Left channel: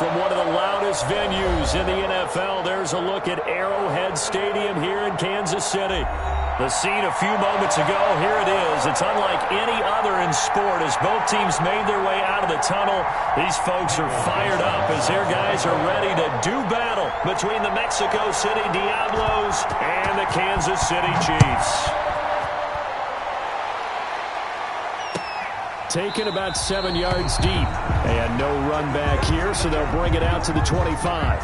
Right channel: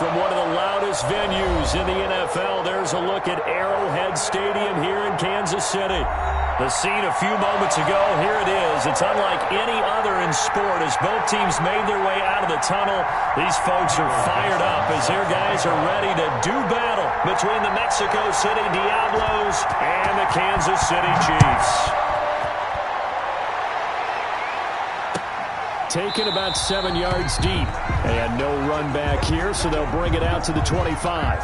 From one of the loudest venues in the NFL, there's a look at Arrowhead Stadium here in Kansas City. The scene a few moments ago, here it is. It's unlike any other in sport as both teams made their way out of the tunnel. These folks are fired up as their guys are ready to do battle between the Mexico City Diablos and the Kansas City Chiefs. Taken about 7 yards deep. And no run back here, so they'll bring it out to the 25.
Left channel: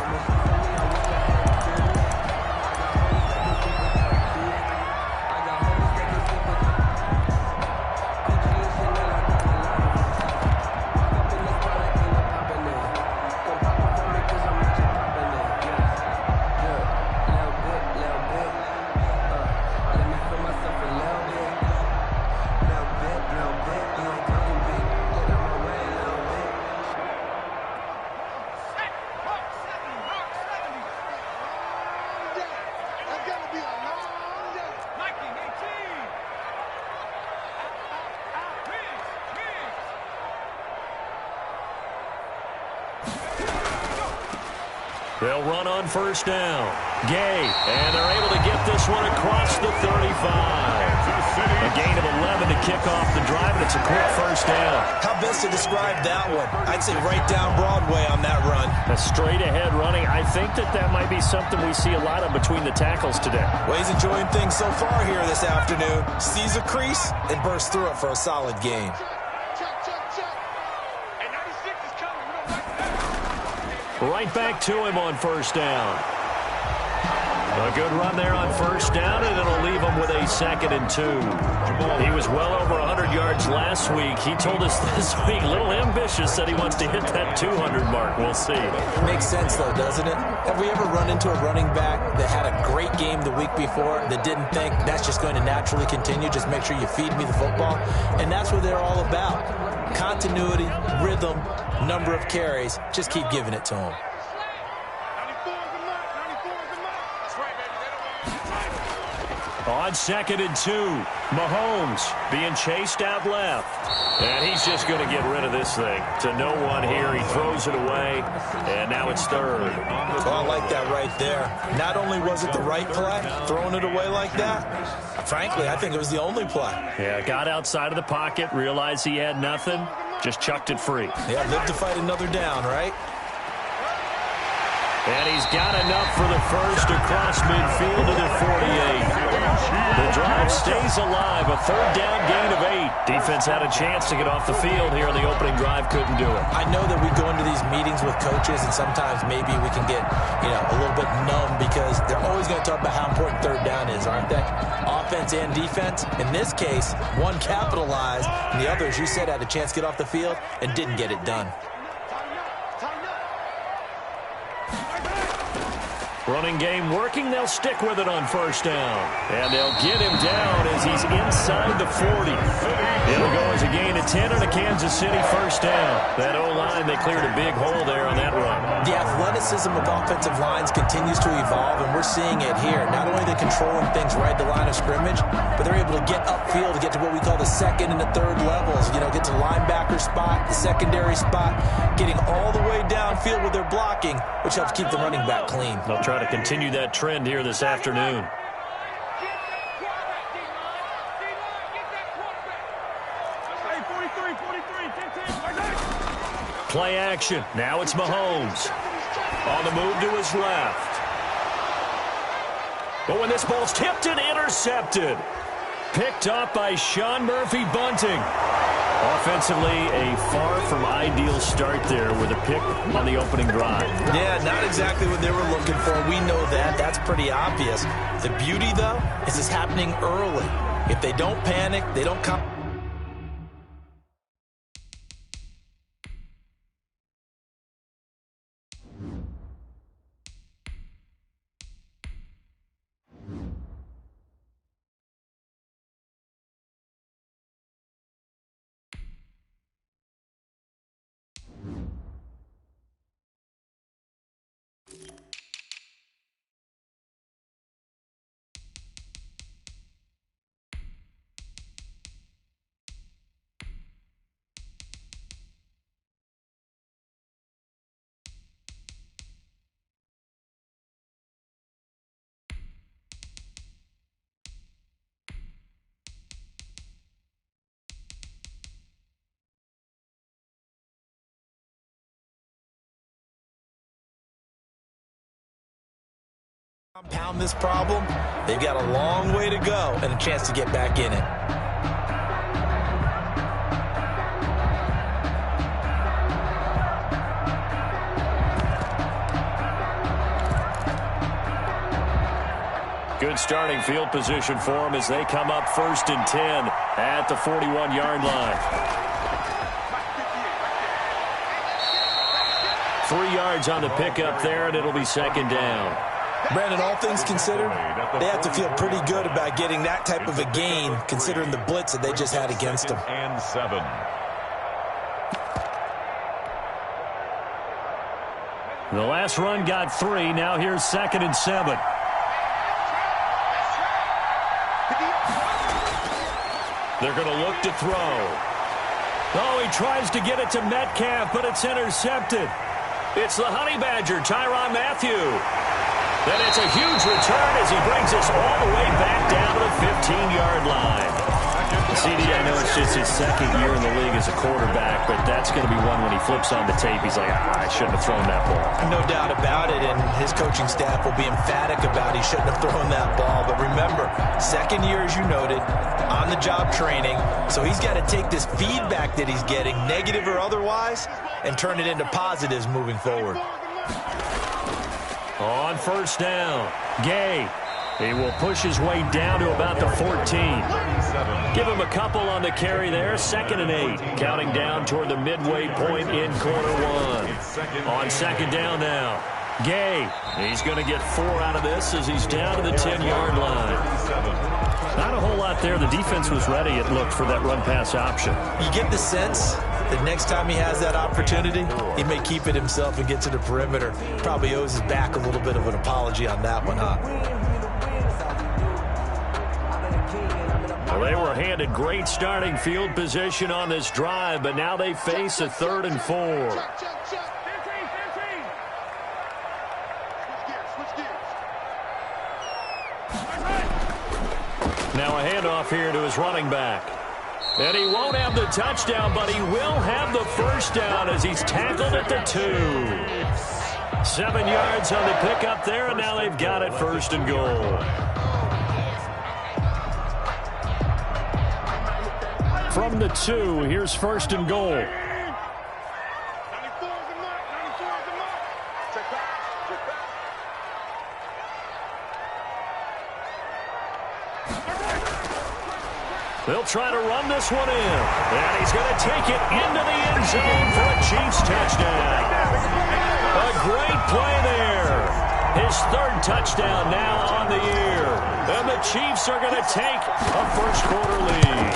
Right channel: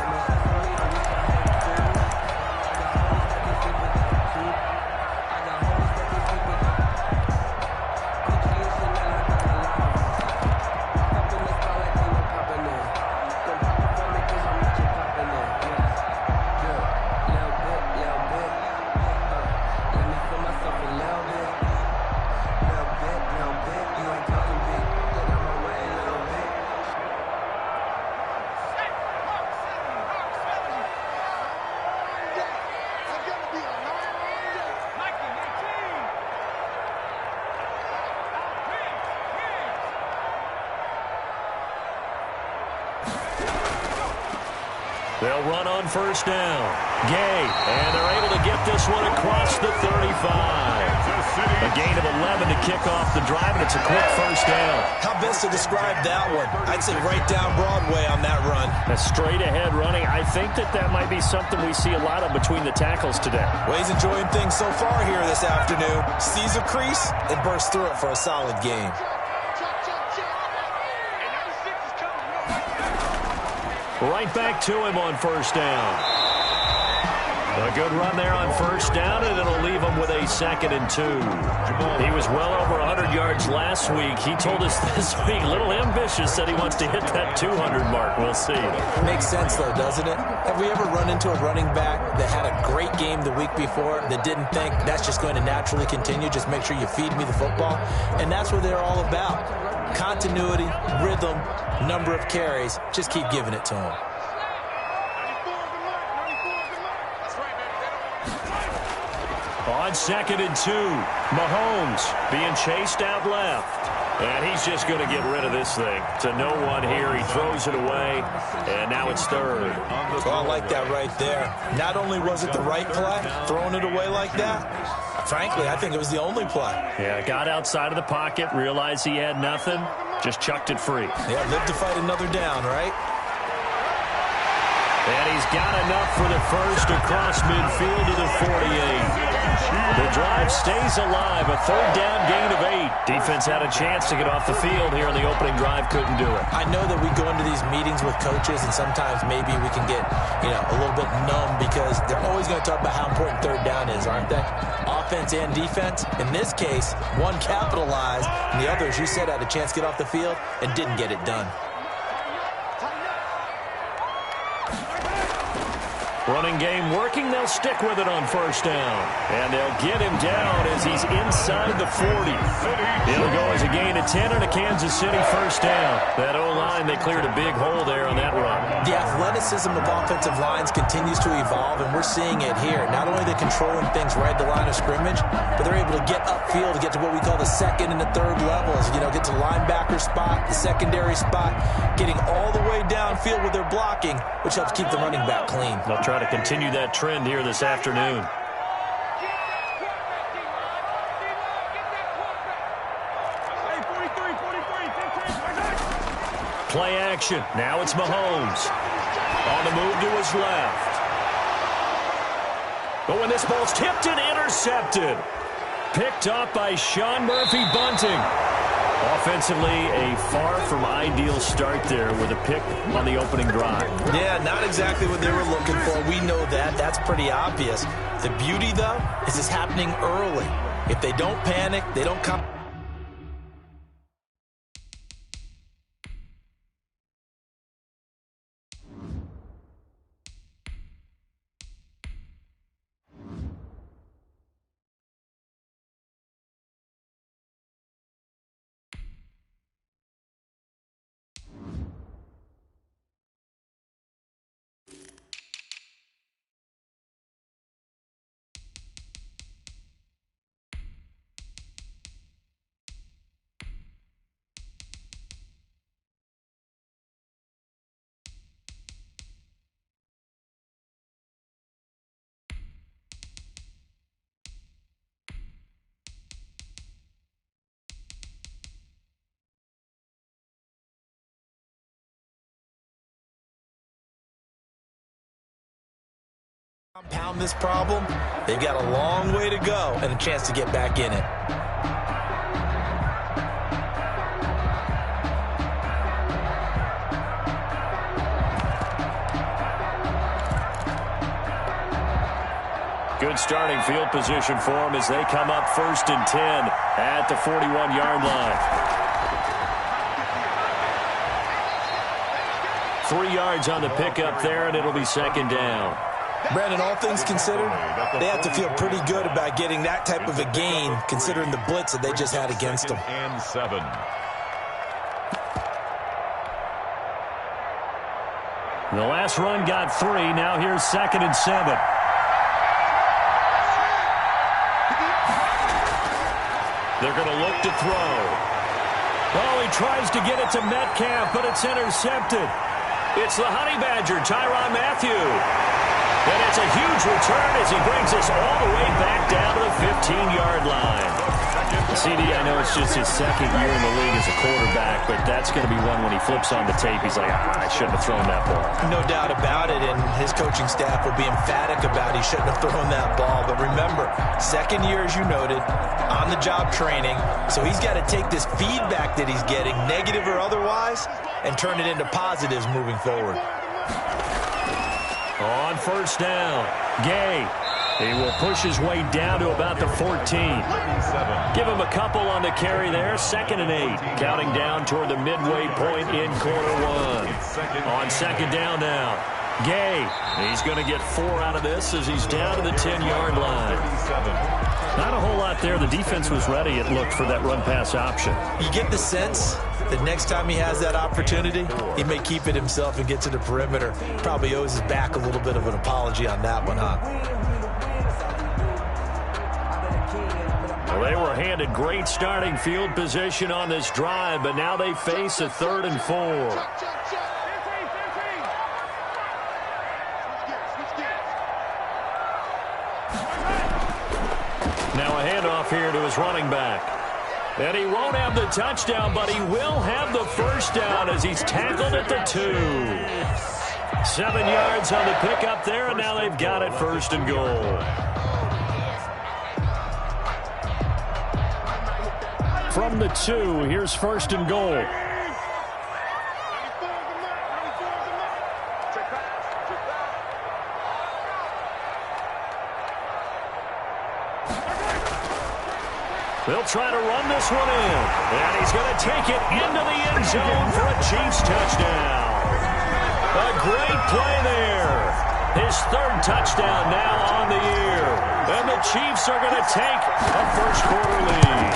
They'll run on first down. Gay, and they're able to get this one across the 35. A gain of 11 to kick off the drive, and it's a quick first down. How best to describe that one? I'd say right down Broadway on that run. A straight-ahead running. I think that might be something we see a lot of between the tackles today. Well, he's enjoying things so far here this afternoon. Sees a crease and bursts through it for a solid gain. Right back to him on first down. A good run there on first down, and it'll leave him with a 2nd and 2. He was well over 100 yards last week. He told us this week, a little ambitious, that he wants to hit that 200 mark. We'll see. Makes sense, though, doesn't it? Have we ever run into a running back that had a great game the week before that didn't think that's just going to naturally continue? Just make sure you feed me the football. And that's what they're all about. Continuity, rhythm, number of carries. Just keep giving it to them. On 2nd and 2, Mahomes being chased out left. And he's just going to get rid of this thing. To no one here. He throws it away, and now it's 3rd. Well, I like that right there. Not only was it the right play, throwing it away like that, frankly, I think it was the only play. Yeah, got outside of the pocket, realized he had nothing, just chucked it free. Yeah, live to fight another down, right? And he's got enough for the first across midfield to the 48. The drive stays alive, a 3rd down gain of 8. Defense had a chance to get off the field here on the opening drive, couldn't do it. I know that we go into these meetings with coaches, and sometimes maybe we can get, a little bit numb because they're always going to talk about how important 3rd down is, aren't they? Offense and defense. In this case, one capitalized, and the other, as you said, had a chance to get off the field and didn't get it done. Running game working. They'll stick with it on first down. And they'll get him down as he's inside the 40. It'll go as a gain of 10 and a Kansas City first down. That O-line, they cleared a big hole there on that run. The athleticism of offensive lines continues to evolve, and we're seeing it here. Not only are they controlling things right at the line of scrimmage, but they're able to get upfield to get to what we call the 2nd and the 3rd levels. Get to the linebacker spot, the secondary spot, getting all the way downfield with their blocking, which helps keep the running back clean. They'll try to continue that trend here this afternoon. Play action. Now it's Mahomes. On the move to his left. But when this ball's tipped and intercepted. Picked up by Sean Murphy-Bunting. Offensively, a far from ideal start there with a pick on the opening drive. Yeah, not exactly what they were looking for. We know that. That's pretty obvious. The beauty, though, is it's happening early. If they don't panic, they don't come. Compound this problem, they've got a long way to go and a chance to get back in it. Good starting field position for them as they come up 1st and 10 at the 41-yard line. 3 yards on the pickup there, and it'll be 2nd down. Brandon, all things considered, they have to feel pretty good about getting that type of a gain, considering the blitz that they just had against them. And 7. The last run got 3. Now here's 2nd and 7. They're going to look to throw. Oh, he tries to get it to Metcalf, but it's intercepted. It's the Honey Badger, Tyrann Mathieu. And it's a huge return as he brings us all the way back down to the 15-yard line. CD, I know it's just his 2nd year in the league as a quarterback, but that's going to be one when he flips on the tape. He's like, I shouldn't have thrown that ball. No doubt about it, and his coaching staff will be emphatic about he shouldn't have thrown that ball. But remember, 2nd year, as you noted, on-the-job training, so he's got to take this feedback that he's getting, negative or otherwise, and turn it into positives moving forward. On 1st down, Gay. He will push his way down to about the 14. Give him a couple on the carry there. 2nd and 8. Counting down toward the midway point in quarter 1. On 2nd down now. Gay. He's going to get 4 out of this as he's down to the 10-yard line. Not a whole lot there. The defense was ready, it looked, for that run-pass option. You get the sense that next time he has that opportunity, he may keep it himself and get to the perimeter. Probably owes his back a little bit of an apology on that one, huh? Well, they were handed great starting field position on this drive, but now they face a 3rd and 4. Now a handoff here to his running back. And he won't have the touchdown, but he will have the 1st down as he's tackled at the 2. 7 yards on the pickup there, and now they've got it 1st and goal. From the 2, here's 1st and goal. They'll try to run this one in. And he's going to take it into the end zone for a Chiefs touchdown. A great play there. His 3rd touchdown now on the year. And the Chiefs are going to take a first-quarter lead.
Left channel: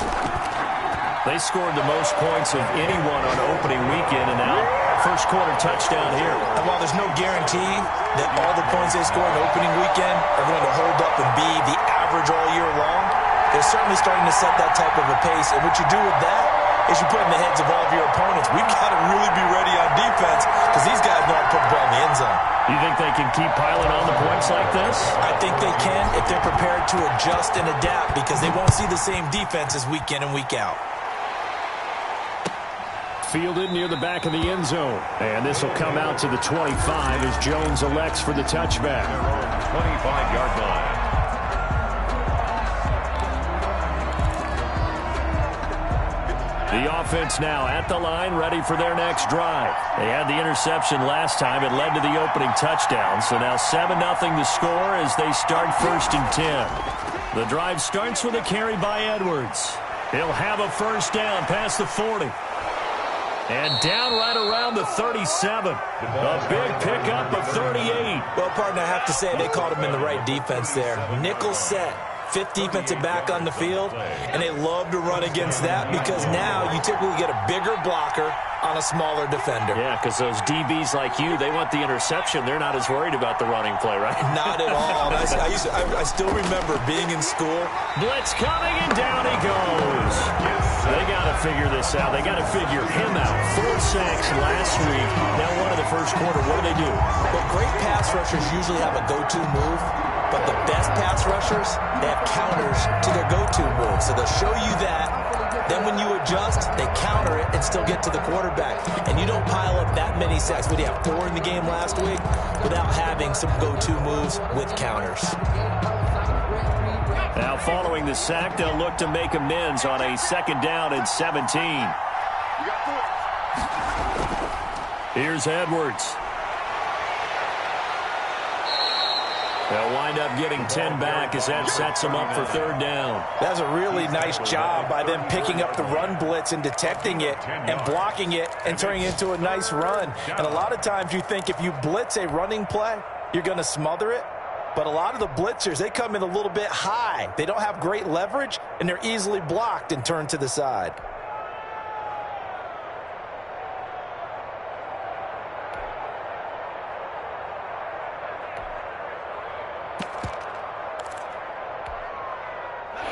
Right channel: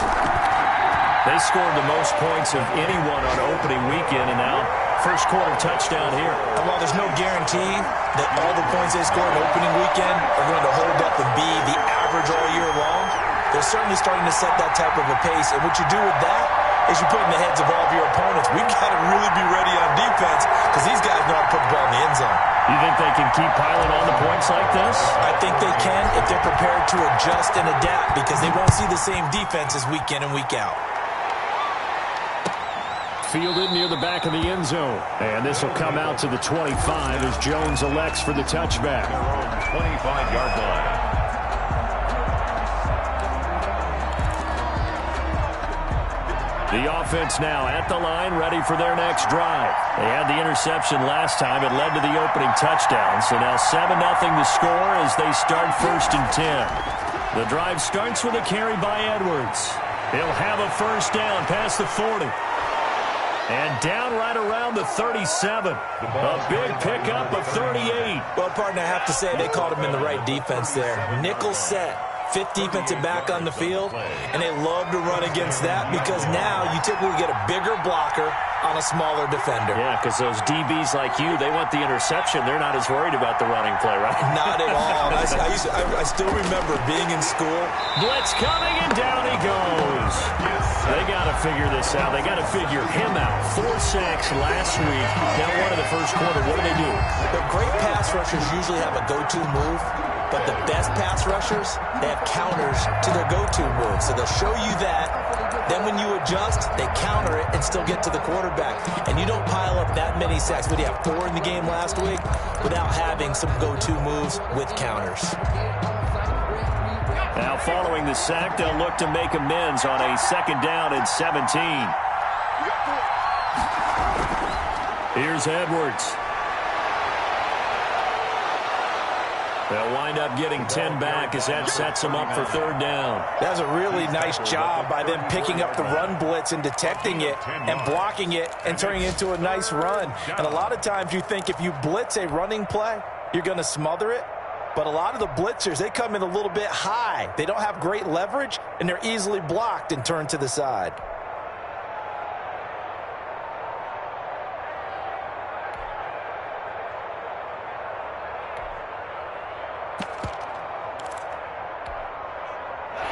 They scored the most points of anyone on opening weekend, and now first-quarter touchdown here. And while there's no guarantee that all the points they scored in opening weekend are going to hold up and be the average all year long, they're certainly starting to set that type of a pace. And what you do with that is you put in the heads of all of your opponents, we've got to really be ready on defense because these guys know how to put the ball in the end zone. You think they can keep piling on the points like this? I think they can if they're prepared to adjust and adapt because they won't see the same defenses week in and week out. Fielded near the back of the end zone. And this will come out to the 25 as Jones elects for the touchback. 25-yard line. The offense now at the line, ready for their next drive. They had the interception last time. It led to the opening touchdown. So now 7-0 the score as they start 1st and 10. The drive starts with a carry by Edwards. He'll have a 1st down past the 40. And down right around the 37. A big pickup of 38. Well, partner, I have to say they caught him in the right defense there. Nickel set. 5th defensive back on the field, and they love to run against that because now you typically get a bigger blocker on a smaller defender. Yeah, because those DBs like you, they want the interception. They're not as worried about the running play, right? Not at all. I still remember being in school. Blitz coming, and down he goes. They got to figure this out. They got to figure him out. 4 sacks last week. Now one in the first quarter. What do? Well, great pass rushers usually have a go-to move. But the best pass rushers, they have counters to their go-to move. So they'll show you that, Then when you adjust, they counter it and still get to the quarterback. And you don't pile up that many sacks. What do you have, 4 in the game last week? Without having some go-to moves with counters. Now following the sack, they'll look to make amends on a 2nd down and 17. Here's Edwards. They'll wind up getting 10 back as that sets them up for 3rd down. That's a really nice job by them picking up the run blitz and detecting it and blocking it and turning it into a nice run. And a lot of times you think if you blitz a running play, you're going to smother it. But a lot of the blitzers, they come in a little bit high. They don't have great leverage, and they're easily blocked and turned to the side.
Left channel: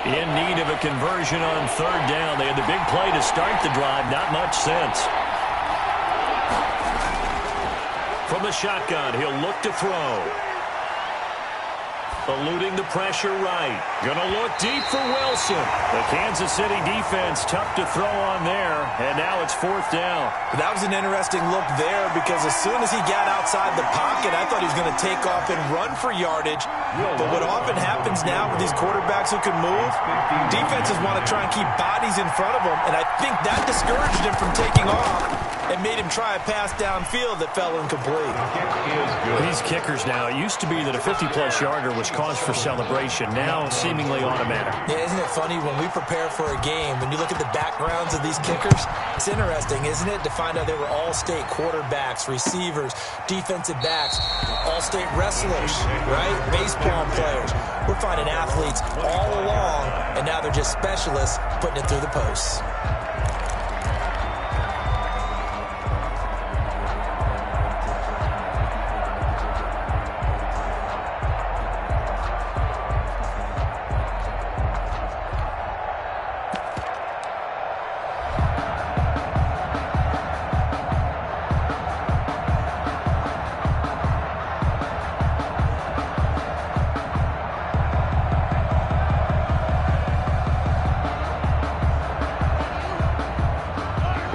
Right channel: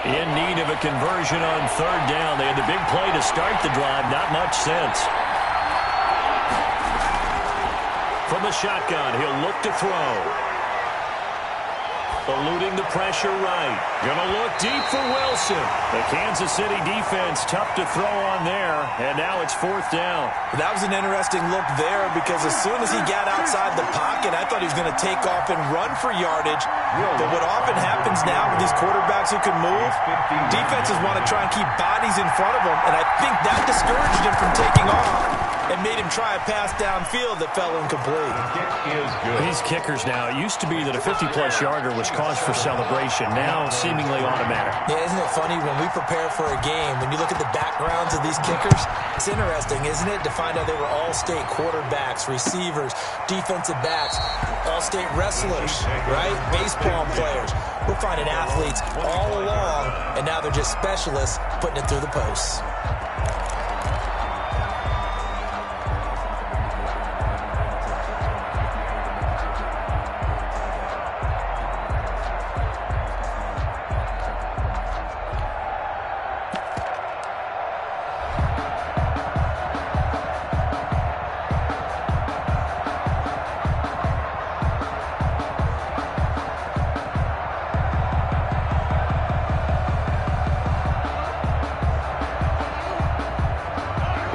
In need of a conversion on 3rd down. They had the big play to start the drive. Not much sense. From the shotgun, he'll look to throw. Eluding the pressure right. Gonna look deep for Wilson. The Kansas City defense tough to throw on there. And now it's 4th down. That was an interesting look there because as soon as he got outside the pocket, I thought he was going to take off and run for yardage. But what often happens now with these quarterbacks who can move, defenses want to try and keep bodies in front of them. And I think that discouraged him from taking off and made him try a pass downfield that fell incomplete. These kickers now, it used to be that a 50-plus yarder was cause for celebration. Now seemingly automatic. Yeah, isn't it funny when we prepare for a game, when you look at the backgrounds of these kickers, it's interesting, isn't it, to find out they were all-state quarterbacks, receivers, defensive backs, all-state wrestlers, right? Baseball players. We're finding athletes all along, and now they're just specialists putting it through the posts.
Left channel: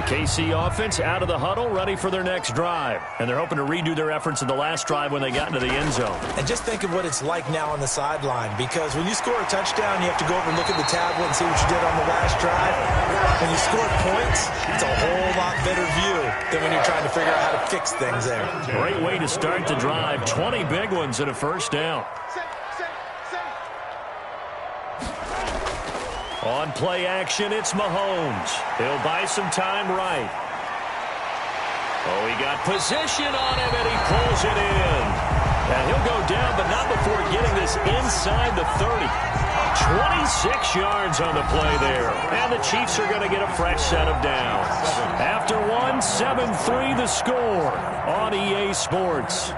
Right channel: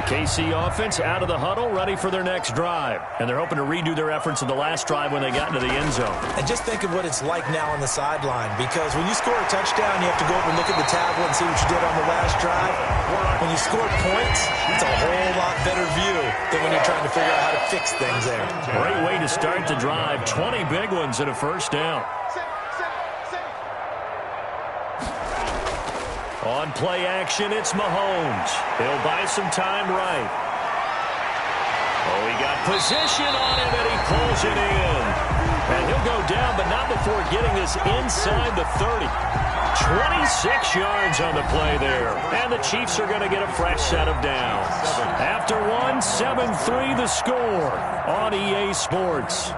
KC offense out of the huddle, ready for their next drive. And they're hoping to redo their efforts in the last drive when they got into the end zone. And just think of what it's like now on the sideline, because when you score a touchdown, you have to go over and look at the tablet and see what you did on the last drive. When you score points, it's a whole lot better view than when you're trying to figure out how to fix things there. Great way to start the drive. 20 big ones and a 1st down. On play action, it's Mahomes. He'll buy some time right. Oh, he got position on him, and he pulls it in. And he'll go down, but not before getting this inside the 30. 26 yards on the play there. And the Chiefs are going to get a fresh set of downs. After one, 7-3 the score on EA Sports.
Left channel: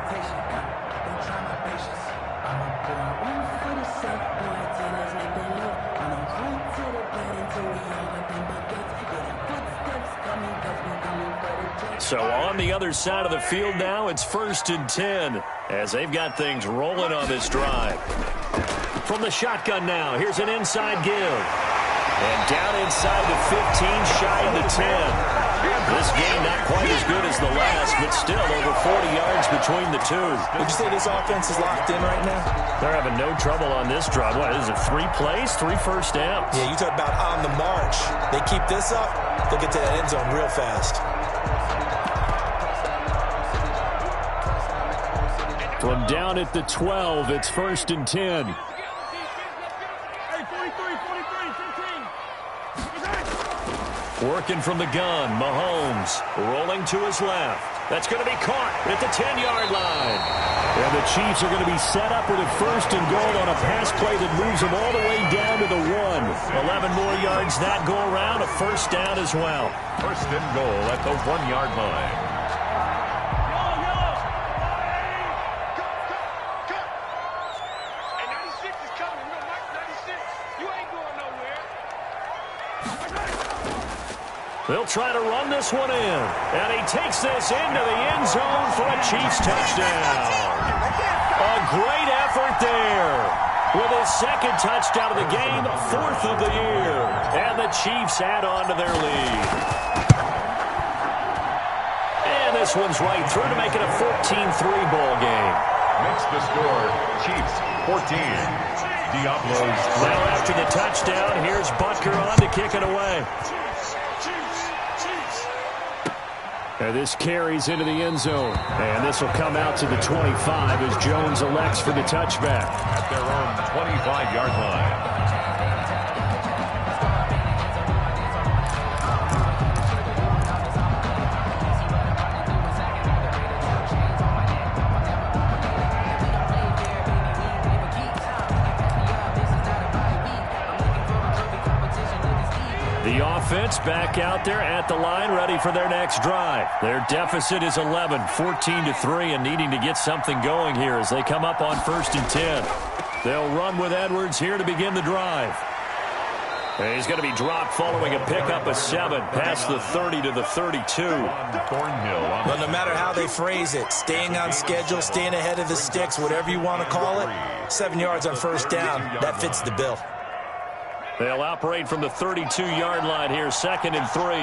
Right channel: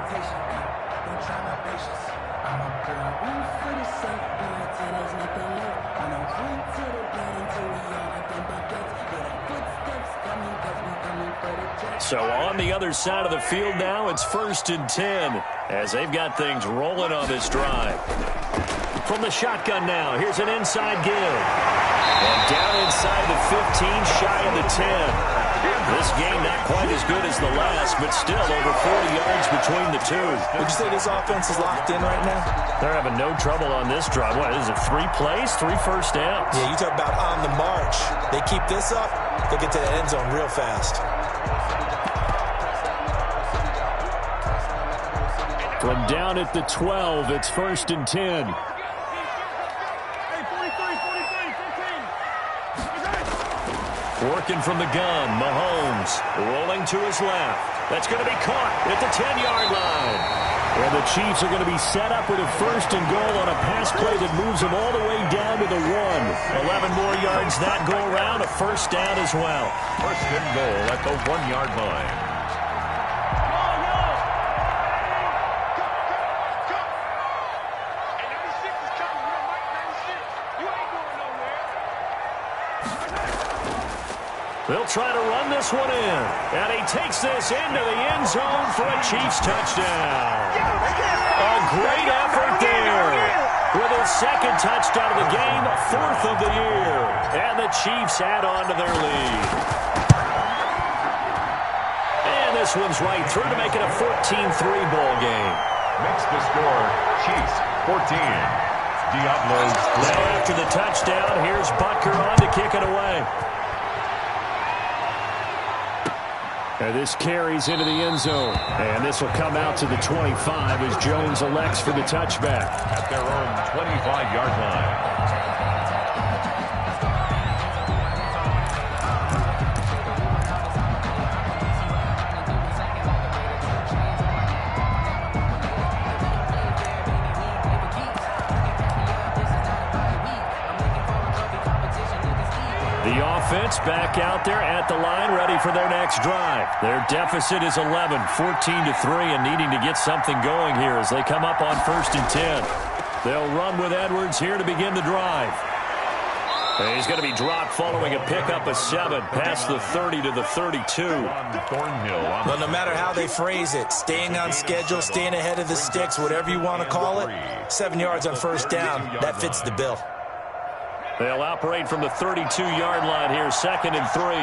So on the other side of the field now, it's 1st and 10 as they've got things rolling on this drive. From the shotgun now, here's an inside give. And down inside the 15, shy of the 10. This game not quite as good as the last, but still over 40 yards between the two. Would you say this offense is locked in right now? They're having no trouble on this drive. What is it, 3 plays, 3 first downs? Yeah, you talk about on the march. They keep this up, they'll get to that end zone real fast. From down at the 12, it's 1st and 10. Working from the gun, Mahomes rolling to his left. That's going to be caught at the 10-yard line. And the Chiefs are going to be set up with a 1st and goal on a pass play that moves them all the way down to the 1. 11 more yards that go around, a 1st down as well. 1st and goal at the 1-yard line. They'll try to run this one in. And he takes this into the end zone for a Chiefs touchdown. A great effort there. with his second touchdown of the game, fourth of the year. And the Chiefs add on to their lead. And this one's right through to make it a 14-3 ball game. Makes the score Chiefs 14. Diablos 3. Now after the touchdown, here's Butker on to kick it away. And this carries into the end zone. And this will come out to the 25 as Jones elects for the touchback. At their own 25-yard line. The offense back out there at the line, ready for their next drive. Their deficit is 11, 14-3, and needing to get something going here as they come up on 1st and 10. They'll run with Edwards here to begin the drive. And he's going to be dropped following a pickup of 7, past the 30 to the 32. Well, no matter how they phrase it, staying on schedule, staying ahead of the sticks, whatever you want to call it, 7 yards on 1st down, that fits the bill. They'll operate from the 32-yard line here, 2nd and 3.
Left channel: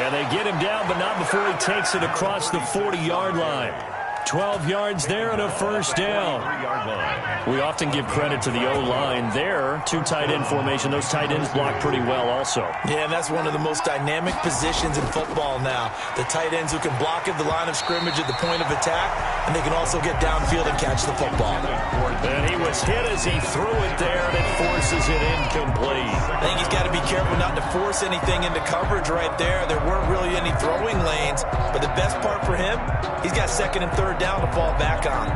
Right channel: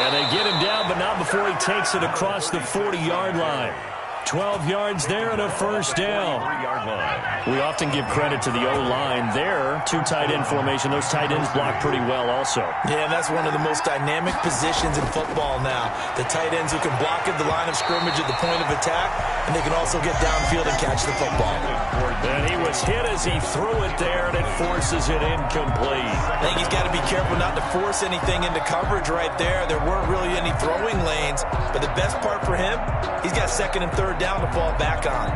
And they get him down, but not before he takes it across the 40-yard line. 12 yards there and a 1st down. We often give credit to the O-line there. 2 tight end formation. Those tight ends block pretty well also. Yeah, and that's one of the most dynamic positions in football now. The tight ends who can block at the line of scrimmage at the point of attack, and they can also get downfield and catch the football. And he was hit as he threw it there, and it forces it incomplete. I think he's got to be careful not to force anything into coverage right there. There weren't really any throwing lanes, but the best part for him, he's got 2nd and 3rd down to fall back on.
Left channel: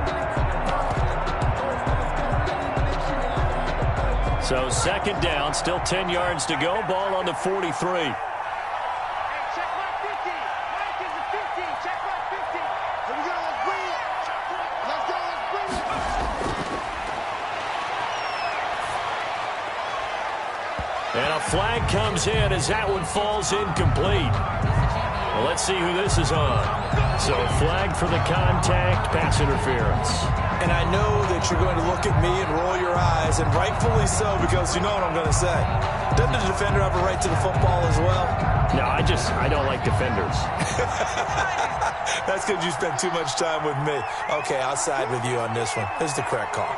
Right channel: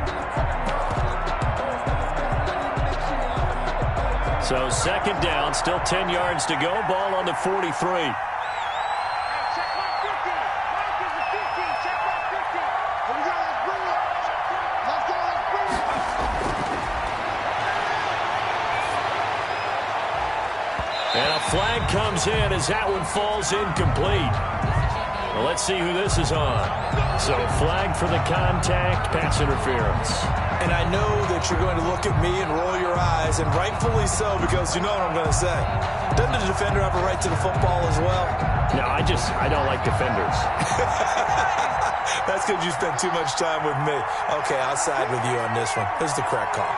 So 2nd down, still 10 yards to go. Ball on the 43. Hey, check my 50. Mike is the 50. Check my 50. Here we go. Let's bring it. Let's go. Let's bring it. And a flag comes in as that one falls incomplete. Well, let's see who this is on. So flag for the contact, pass interference. And I know that you're going to look at me and roll your eyes, and rightfully so, because you know what I'm going to say. Doesn't the defender have a right to the football as well? No, I don't like defenders. That's because you spent too much time with me. Okay, I'll side with you on this one. This is the correct call.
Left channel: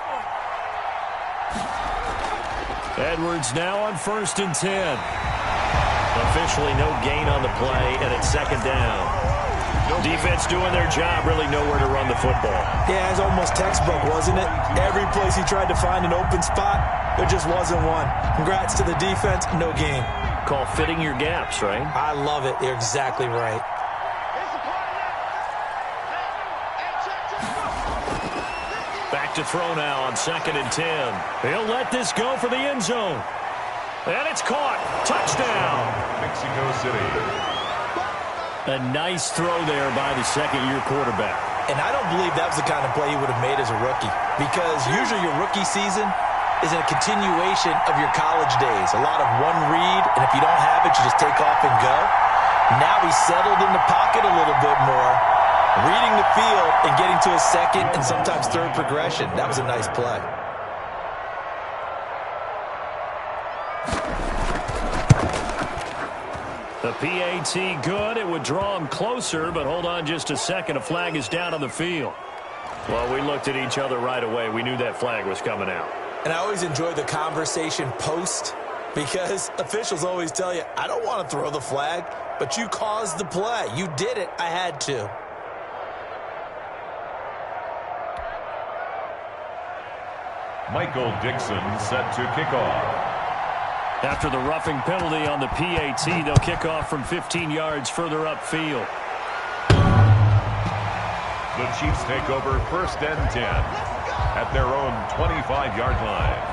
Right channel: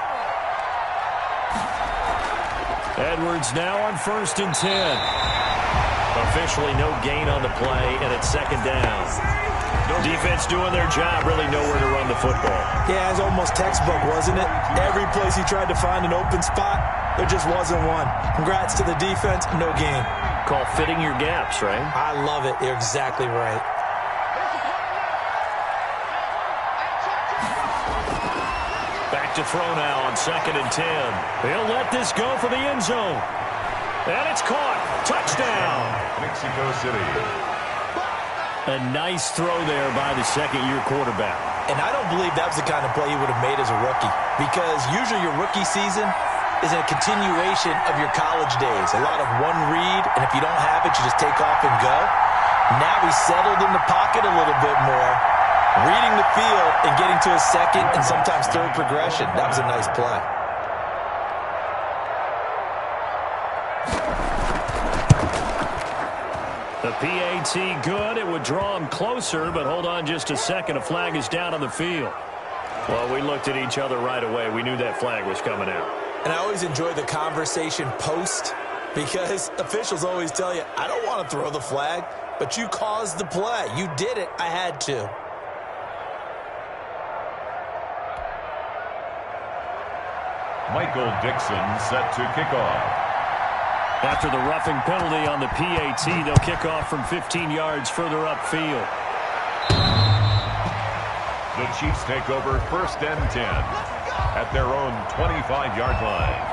Edwards now on 1st and 10. Officially no gain on the play, and it's 2nd down. Defense doing their job, really nowhere to run the football. Yeah, it's almost textbook, wasn't it? Every place he tried to find an open spot, there just wasn't one. Congrats to the defense, no gain. Call fitting your gaps, right? I love it. You're exactly right. Back to throw now on 2nd and 10. He'll let this go for the end zone. And it's caught. Touchdown. Mexico City. A nice throw there by the 2nd-year quarterback. And I don't believe that was the kind of play he would have made as a rookie, because usually your rookie season is a continuation of your college days. A lot of one read, and if you don't have it, you just take off and go. Now he's settled in the pocket a little bit more, reading the field and getting to his 2nd and sometimes 3rd progression. That was a nice play. The PAT good. It would draw him closer, but hold on just a second. A flag is down on the field. Well, we looked at each other right away. We knew that flag was coming out. And I always enjoy the conversation post, because officials always tell you, I don't want to throw the flag, but you caused the play. You did it. I had to. Michael Dixon set to kick off. After the roughing penalty on the PAT, they'll kick off from 15 yards further upfield. The Chiefs take over 1st and 10 at their own 25-yard line.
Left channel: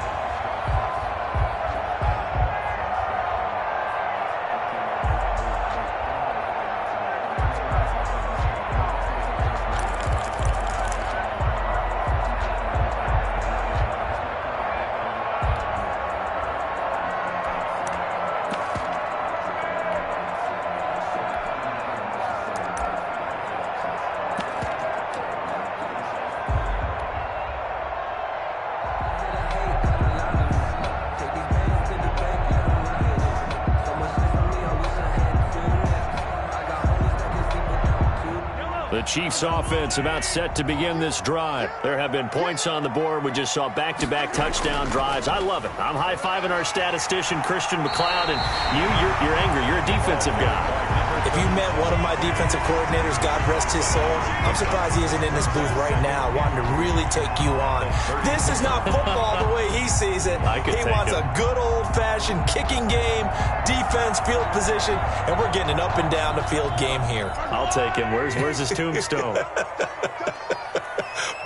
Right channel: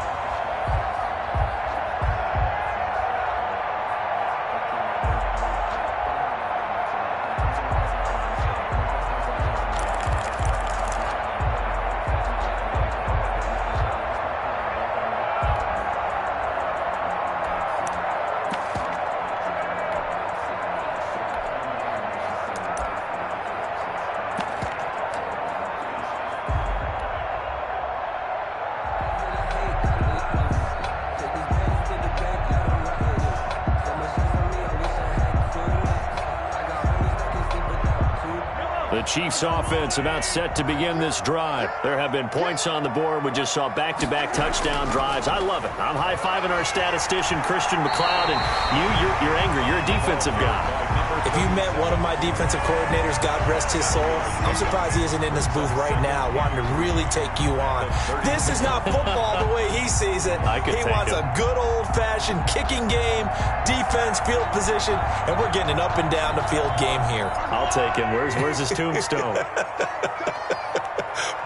The Chiefs offense about set to begin this drive. There have been points on the board. We just saw back-to-back touchdown drives. I love it. I'm high-fiving our statistician, Christian McLeod, and you're angry. You're a defensive guy. If you met one of my defensive coordinators, God rest his soul, I'm surprised he isn't in this booth right now wanting to really take you on. This is not football the way he sees it. He wants a good old-fashioned kicking game, defense, field position, and we're getting an up-and-down the field game here. I'll take him. Where's his tombstone?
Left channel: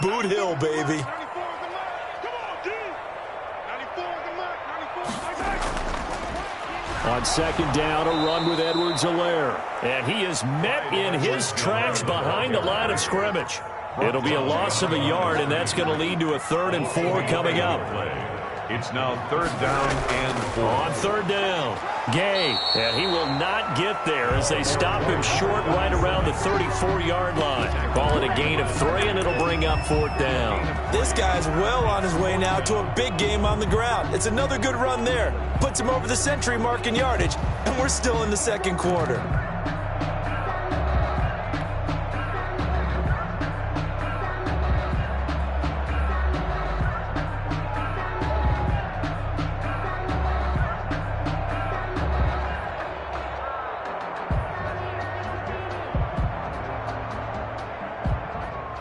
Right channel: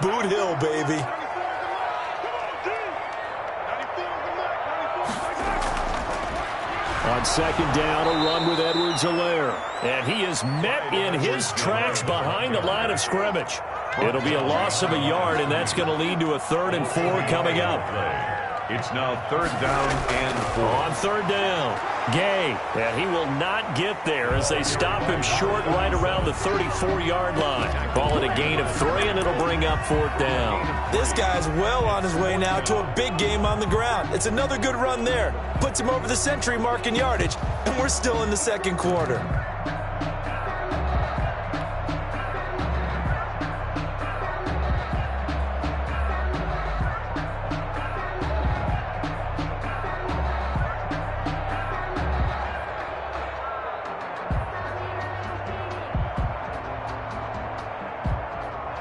Boot Hill, baby. On second down, a run with Edwards-Helaire. And he is met in his tracks behind the line of scrimmage. It'll be a loss of a yard, and that's going to lead to a 3rd and 4 coming up. It's now 3rd down and 4. On 3rd down, Gay, and he will not get there as they stop him short right around the 34-yard line. Call it a gain of 3, and it'll bring up 4th down. This guy's well on his way now to a big game on the ground. It's another good run there. Puts him over the century mark in yardage, and we're still in the second quarter.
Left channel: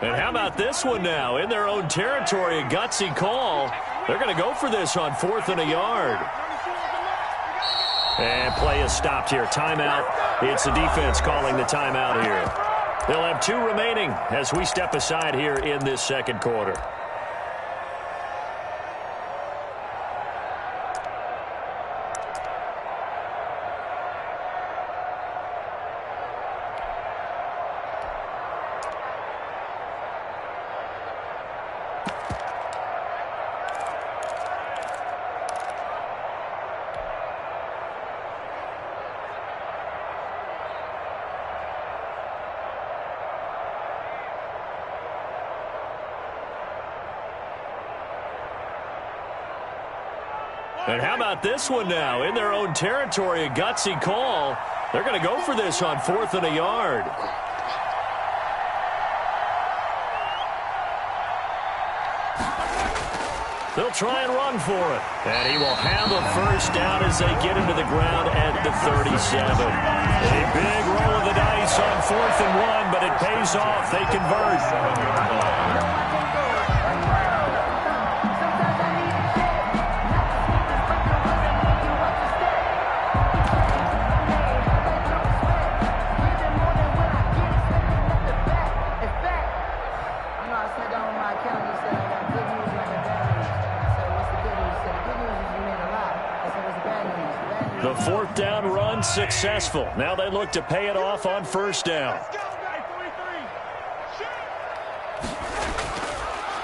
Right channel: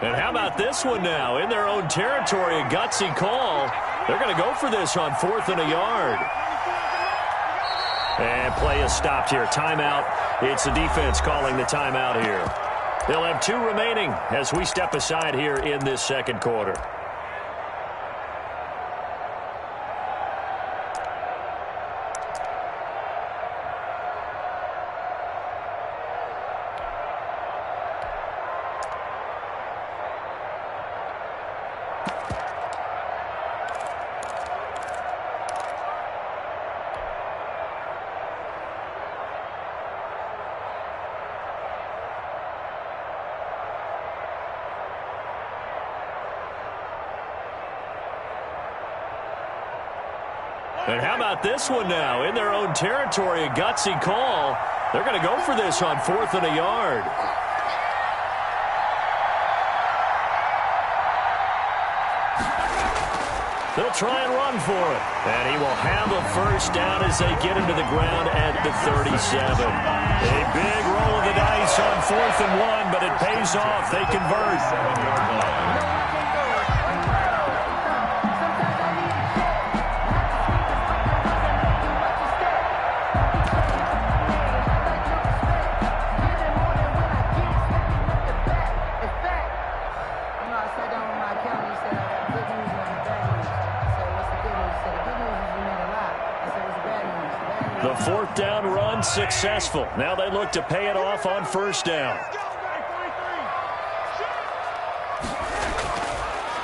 And how about this one now? In their own territory, a gutsy call. They're going to go for this on 4th and a yard. And play is stopped here. Timeout. It's the defense calling the timeout here. They'll have 2 remaining as we step aside here in this second quarter. And how about this one now? In their own territory, a gutsy call. They're going to go for this on 4th and a yard. They'll try and run for it. And he will have a 1st down as they get into the ground at the 37. A big roll of the dice on 4th and 1, but it pays off. They convert. The 4th down run successful. Now they look to pay it off on 1st down.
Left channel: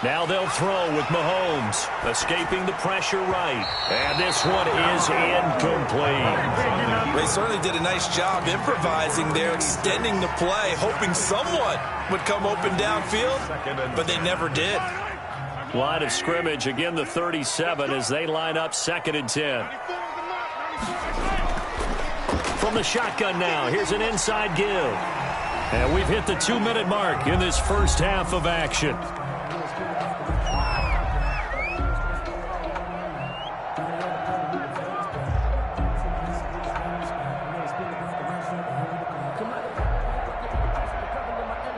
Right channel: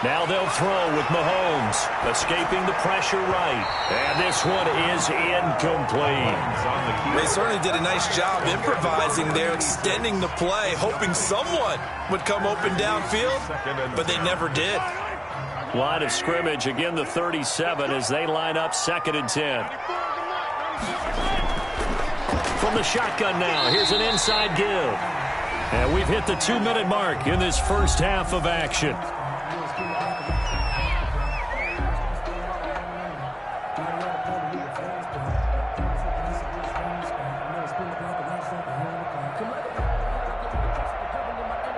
Now they'll throw with Mahomes, escaping the pressure right. And this one is incomplete. They certainly did a nice job improvising there, extending the play, hoping someone would come open downfield, but they never did. Line of scrimmage, again the 37 as they line up 2nd and 10. From the shotgun now, here's an inside give. And we've hit the 2-minute mark in this first half of action.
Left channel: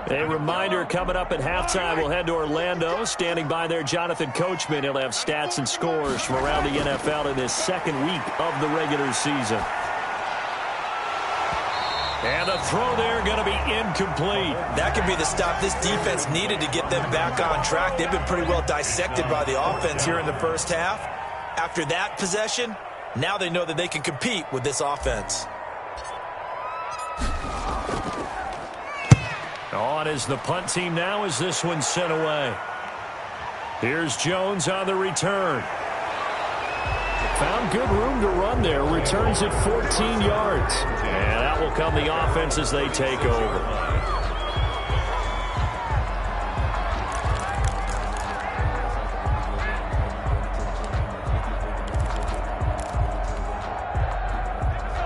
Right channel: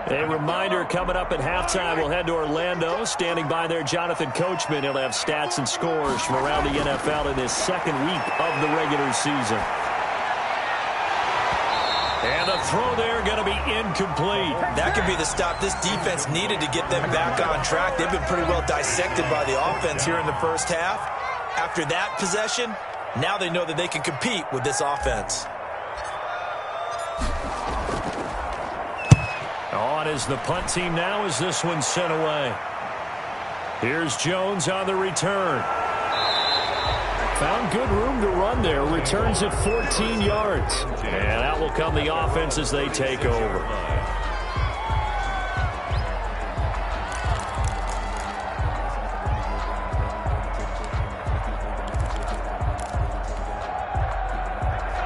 A reminder coming up at halftime, we'll head to Orlando. Standing by there, Jonathan Coachman. He'll have stats and scores from around the NFL in this second week of the regular season. And the throw there going to be incomplete. That could be the stop this defense needed to get them back on track. They've been pretty well dissected by the offense here in the first half. After that possession, now they know that they can compete with this offense. On is the punt team now as this one's sent away. Here's Jones on the return. Found good room to run there. Returns at 14 yards. And out will come the offense as they take over.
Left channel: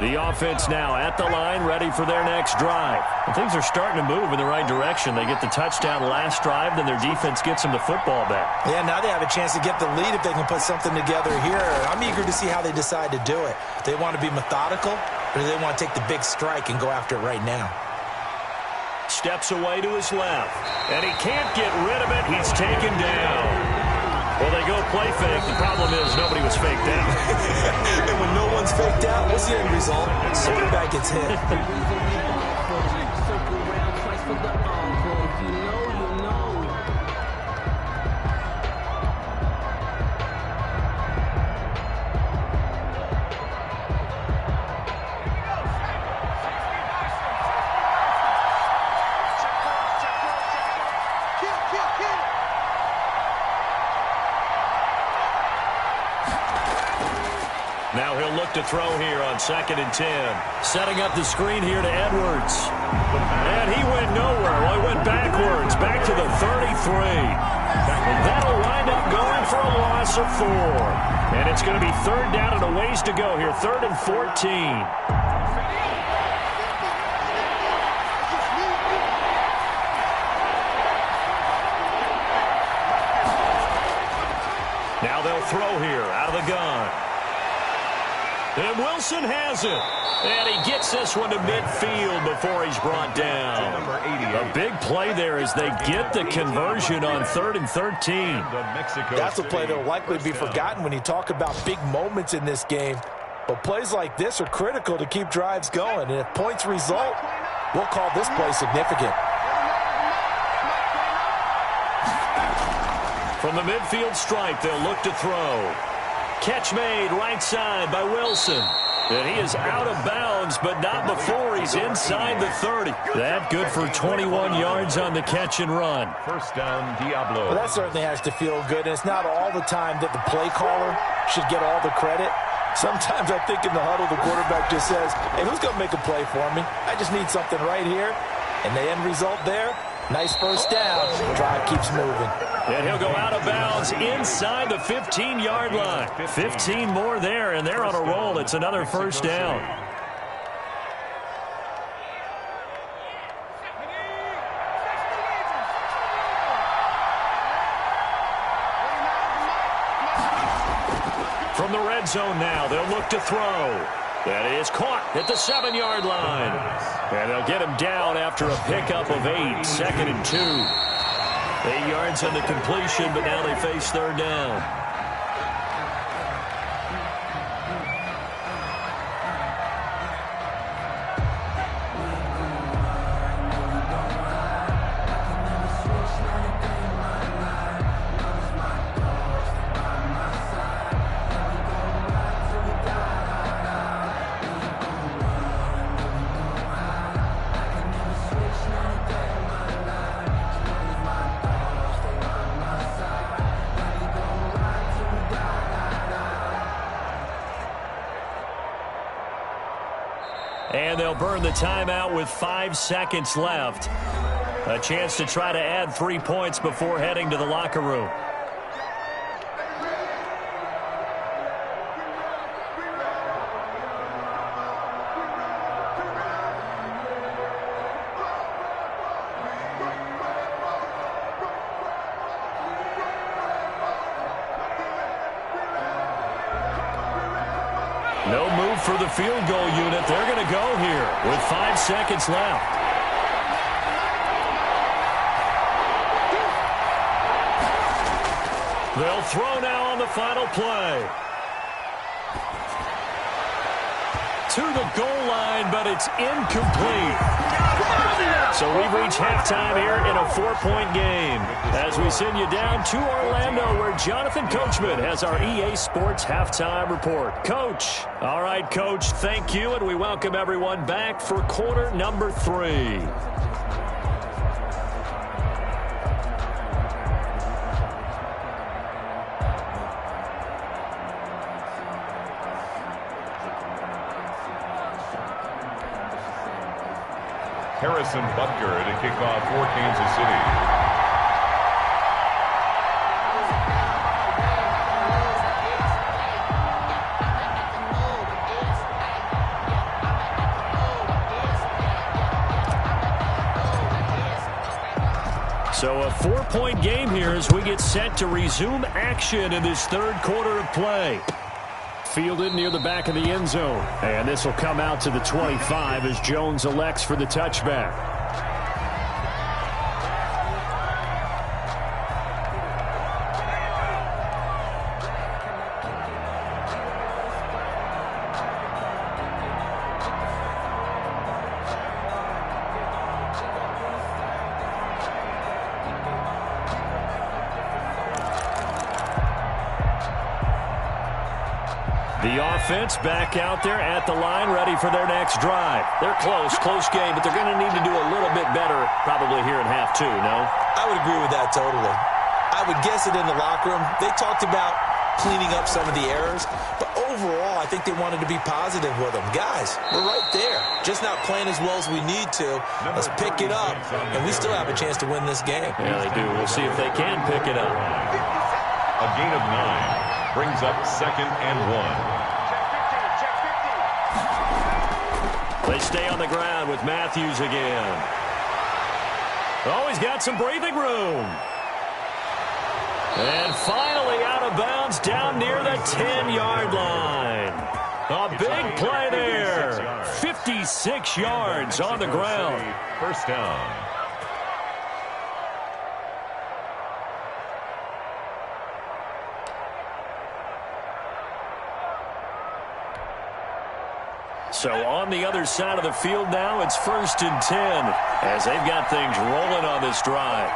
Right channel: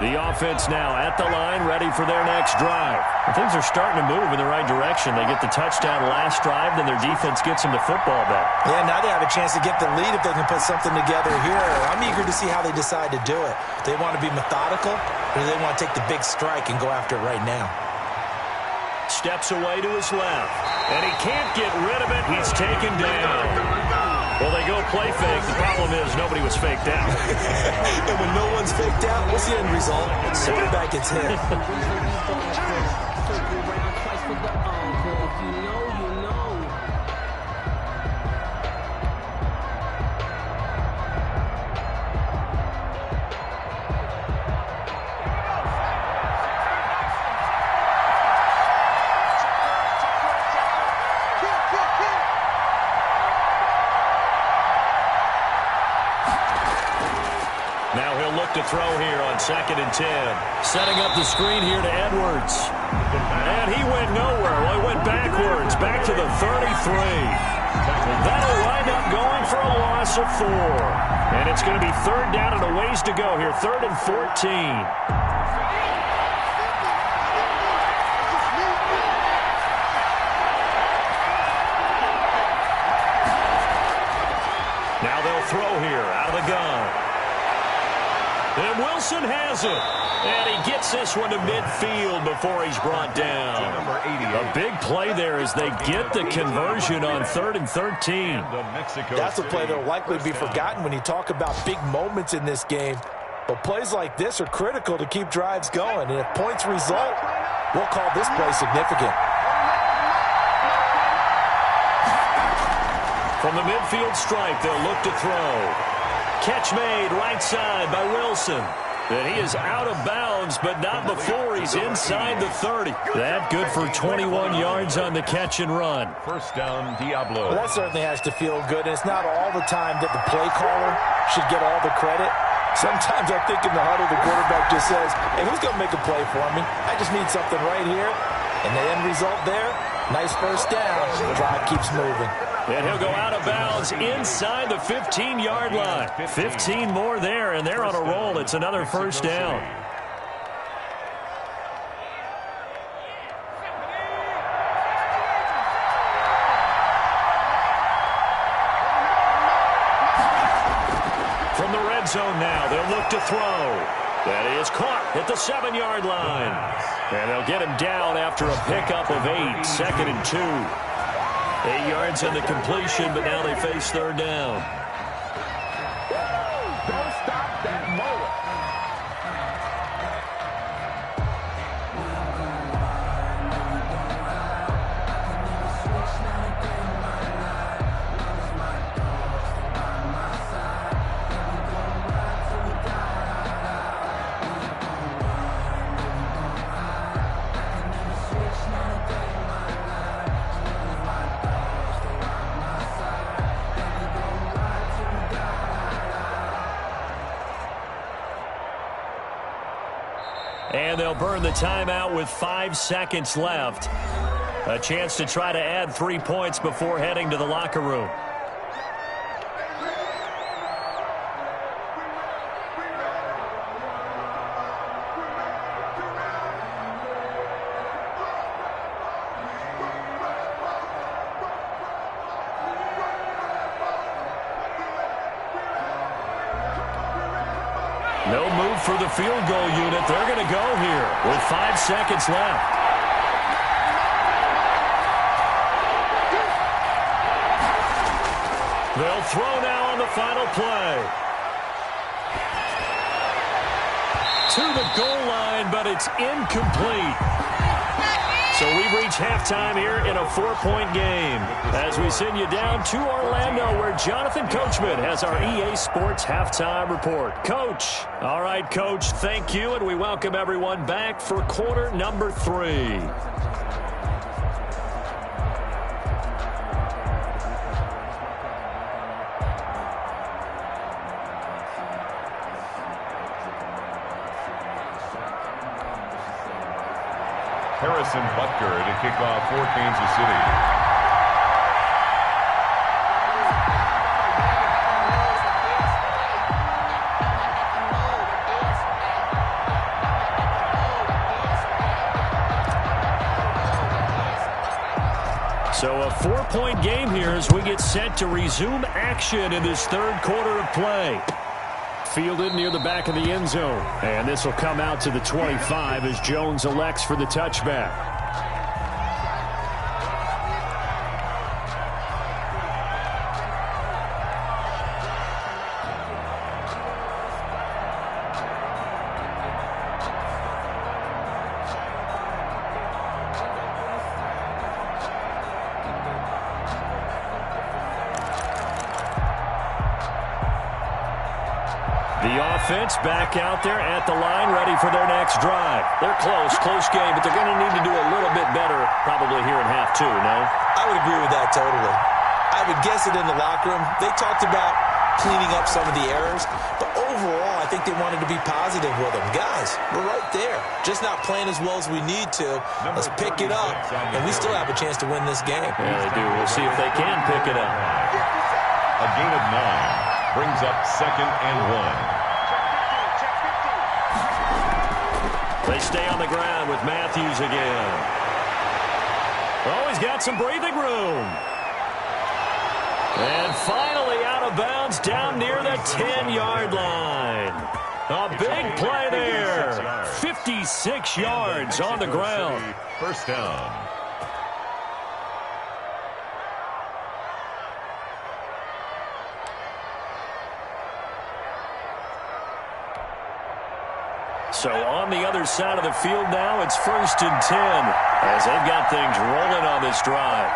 The offense now at the line, ready for their next drive. And things are starting to move in the right direction. They get the touchdown last drive, then their defense gets them the football back. Yeah, now they have a chance to get the lead if they can put something together here. I'm eager to see how they decide to do it. Do they want to be methodical, or do they want to take the big strike and go after it right now? Steps away to his left, and he can't get rid of it. He's taken down. Well, they go play fake. The problem is nobody was faked out. And when no one's faked out, what's the end result? Quarterback gets hit. Now he'll look to throw here on 2nd and 10. Setting up the screen here to Edwards. And he went nowhere. Well, he went backwards, back to the 33. That'll wind up going for a loss of 4. And it's going to be 3rd down and a ways to go here. 3rd and 14. Now they'll throw here out of the gun. And Wilson has it. And he gets this one to midfield before he's brought down. A big play there as they get the conversion on 3rd and 13. That's a play that will likely be forgotten when you talk about big moments in this game. But plays like this are critical to keep drives going. And if points result, we'll call this play significant. From the midfield stripe, they'll look to throw. Catch made right side by Wilson. And he is out of bounds, but not before he's inside the 30. That good for 21 yards on the catch and run. 1st down, Diablo. Well, that certainly has to feel good, and it's not all the time that the play caller should get all the credit. Sometimes I think in the huddle, the quarterback just says, hey, who's going to make a play for me? I just need something right here. And the end result there, nice 1st down. The drive keeps moving. And he'll go out of bounds inside the 15-yard line. 15 more there, and they're on a roll. It's another 1st down. From the red zone now, they'll look to throw. That is caught at the 7-yard line. And they'll get him down after a pickup of 8. 2nd and 2. 8 yards on the completion, but now they face 3rd down. And they'll burn the timeout with 5 seconds left. A chance to try to add 3 points before heading to the locker room. No move for the field goal unit. They're going to go here with 5 seconds left. They'll throw now on the final play. To the goal line, but it's incomplete. So we've reached halftime here in a 4-point game as we send you down to Orlando where Jonathan Coachman has our EA Sports Halftime Report. Coach. All right, Coach, thank you, and we welcome everyone back for quarter number 3. Harrison Butker to kick off for Kansas City. So a 4-point game here as we get set to resume action in this third quarter of play. Fielded near the back of the end zone. And this will come out to the 25 as Jones elects for the touchback. The offense back out there at the line, ready for their next drive. They're close game, but they're going to need to do a little bit better probably here in half two, no? I would agree with that totally. I would guess it in the locker room. They talked about cleaning up some of the errors, but overall I think they wanted to be positive with them. Guys, we're right there, just not playing as well as we need to. Let's pick it up, and we still have a chance to win this game. Yeah, they do. We'll see if they can pick it up. A gain of 9 brings up 2nd and 1. They stay on the ground with Matthews again. Oh, he's got some breathing room. And finally out of bounds down near the 10-yard line. A big play there. 56 yards on the ground. First down. So on the other side of the field now, it's 1st and 10 as they've got things rolling on this drive.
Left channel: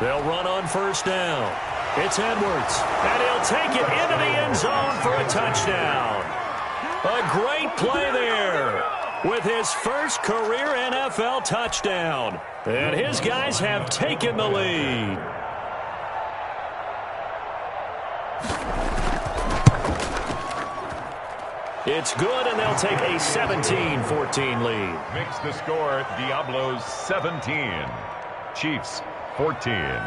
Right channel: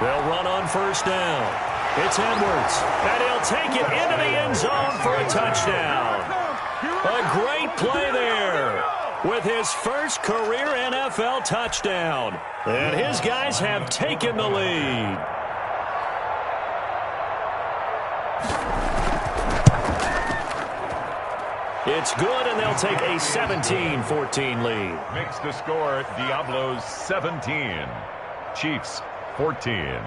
They'll run on 1st down. It's Edwards, and he'll take it into the end zone for a touchdown. A great play there with his first career NFL touchdown. And his guys have taken the lead. It's good, and they'll take a 17-14 lead. Makes the score Diablos 17, Chiefs 14.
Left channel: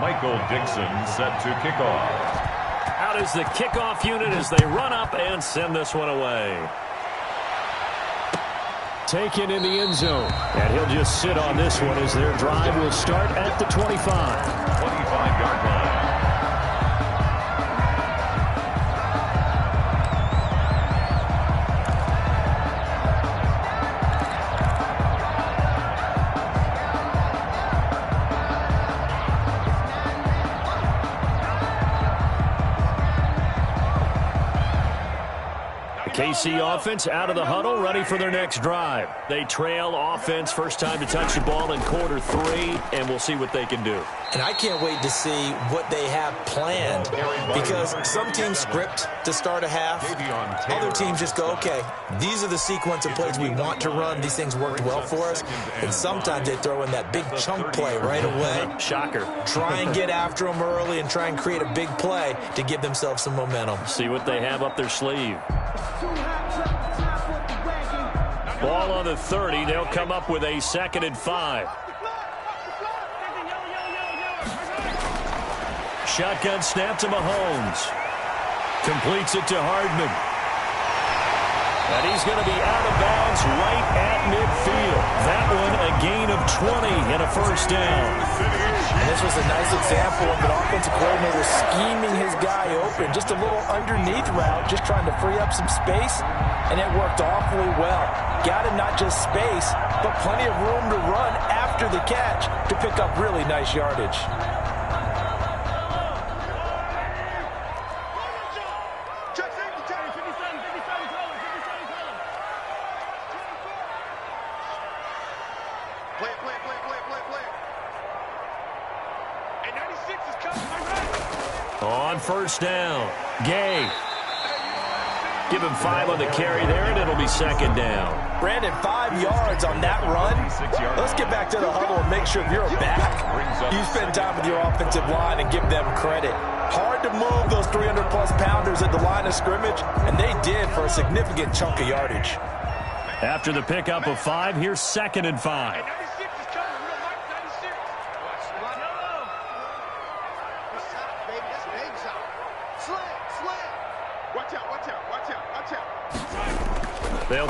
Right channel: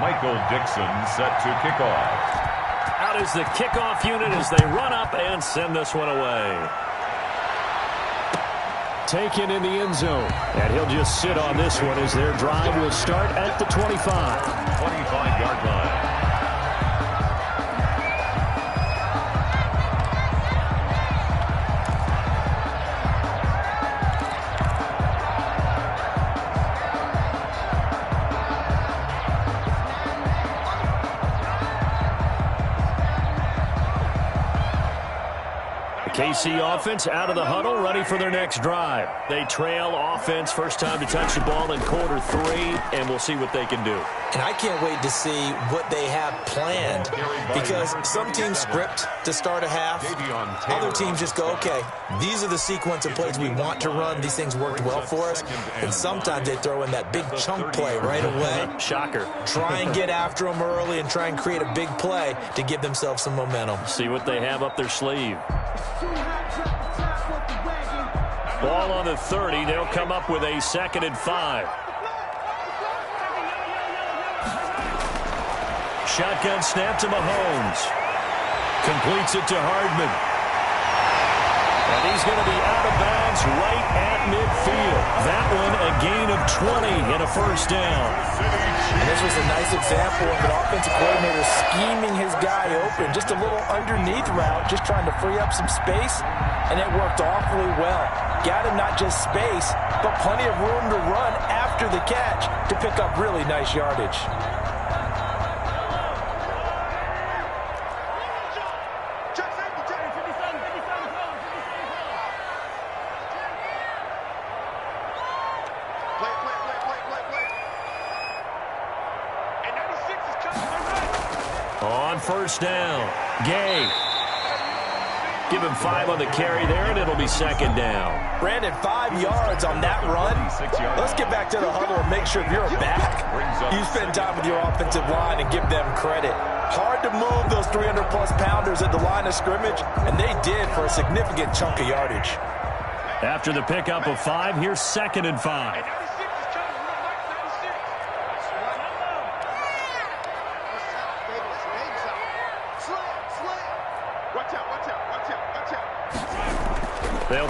Michael Dixon set to kick off. Out is the kickoff unit as they run up and send this one away. Taken in the end zone. And he'll just sit on this one as their drive will start at the 25. 25-yard line. KC offense out of the huddle, ready for their next drive. They trail offense, first time to touch the ball in quarter 3, and we'll see what they can do. And I can't wait to see what they have planned, because some teams script to start a half. Other teams just go, okay, these are the sequence of plays we want to run. These things worked well for us. And sometimes they throw in that big chunk play right away. Shocker. Try and get after them early and try and create a big play to give themselves some momentum. See what they have up their sleeve. Ball on the 30. They'll come up with a 2nd and 5. Shotgun snap to Mahomes. Completes it to Hardman. And he's going to be out of bounds right at midfield. That one a gain of 20 and a first down. And this was a nice example of an offensive coordinator scheming his guy open. Just a little underneath route, just trying to free up some space, and it worked awfully well. Got him not just space, but plenty of room to run after the catch to pick up really nice yardage. On first down, Gay. Give him 5 on the carry there, and it'll be 2nd down. Brandon, 5 yards on that run. Let's get back to the huddle and make sure if you're back, you spend time with your offensive line and give them credit. Hard to move those 300-plus pounders at the line of scrimmage, and they did for a significant chunk of yardage. After the pickup of 5, here's 2nd and 5.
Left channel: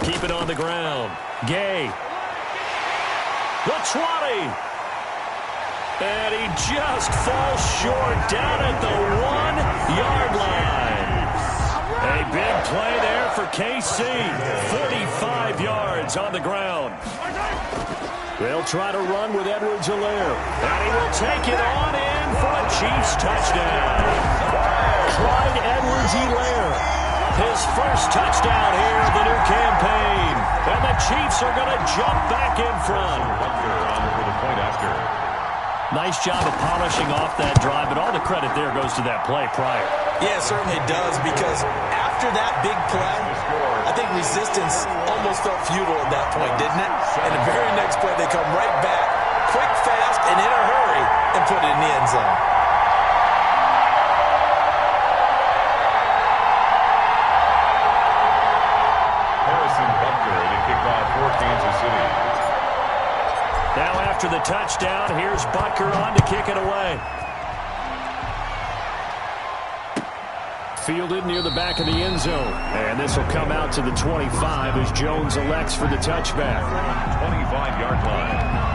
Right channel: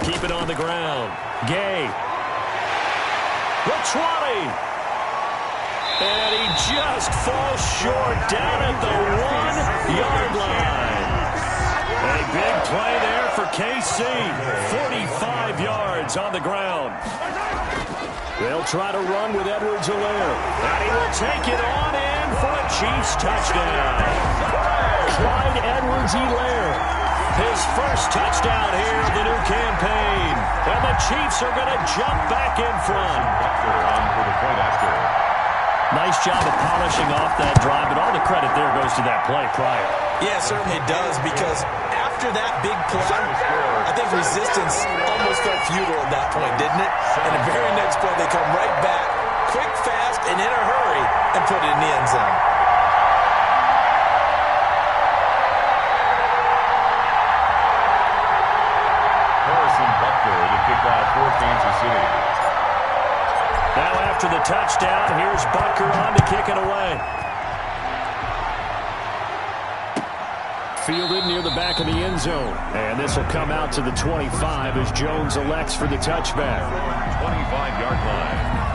keep it on the ground. Gay. The 20. And he just falls short down at the 1-yard line. A big play there for KC. 45 yards on the ground. They'll try to run with Edwards-Helaire. And he will take it on in for a Chiefs touchdown. Clyde Edwards-Helaire. His first touchdown here of the new campaign. And the Chiefs are going to jump back in front. Butker on for the point after. Nice job of polishing off that drive, but all the credit there goes to that play prior. Yeah, it certainly does, because after that big play, I think resistance almost felt futile at that point, didn't it? And the very next play, they come right back, quick, fast, and in a hurry, and put it in the end zone. Harrison Butker to kick off for Kansas City. Now after the touchdown, here's Butker on to kick it away. Fielded near the back of the end zone. And this will come out to the 25 as Jones elects for the touchback. 25-yard line.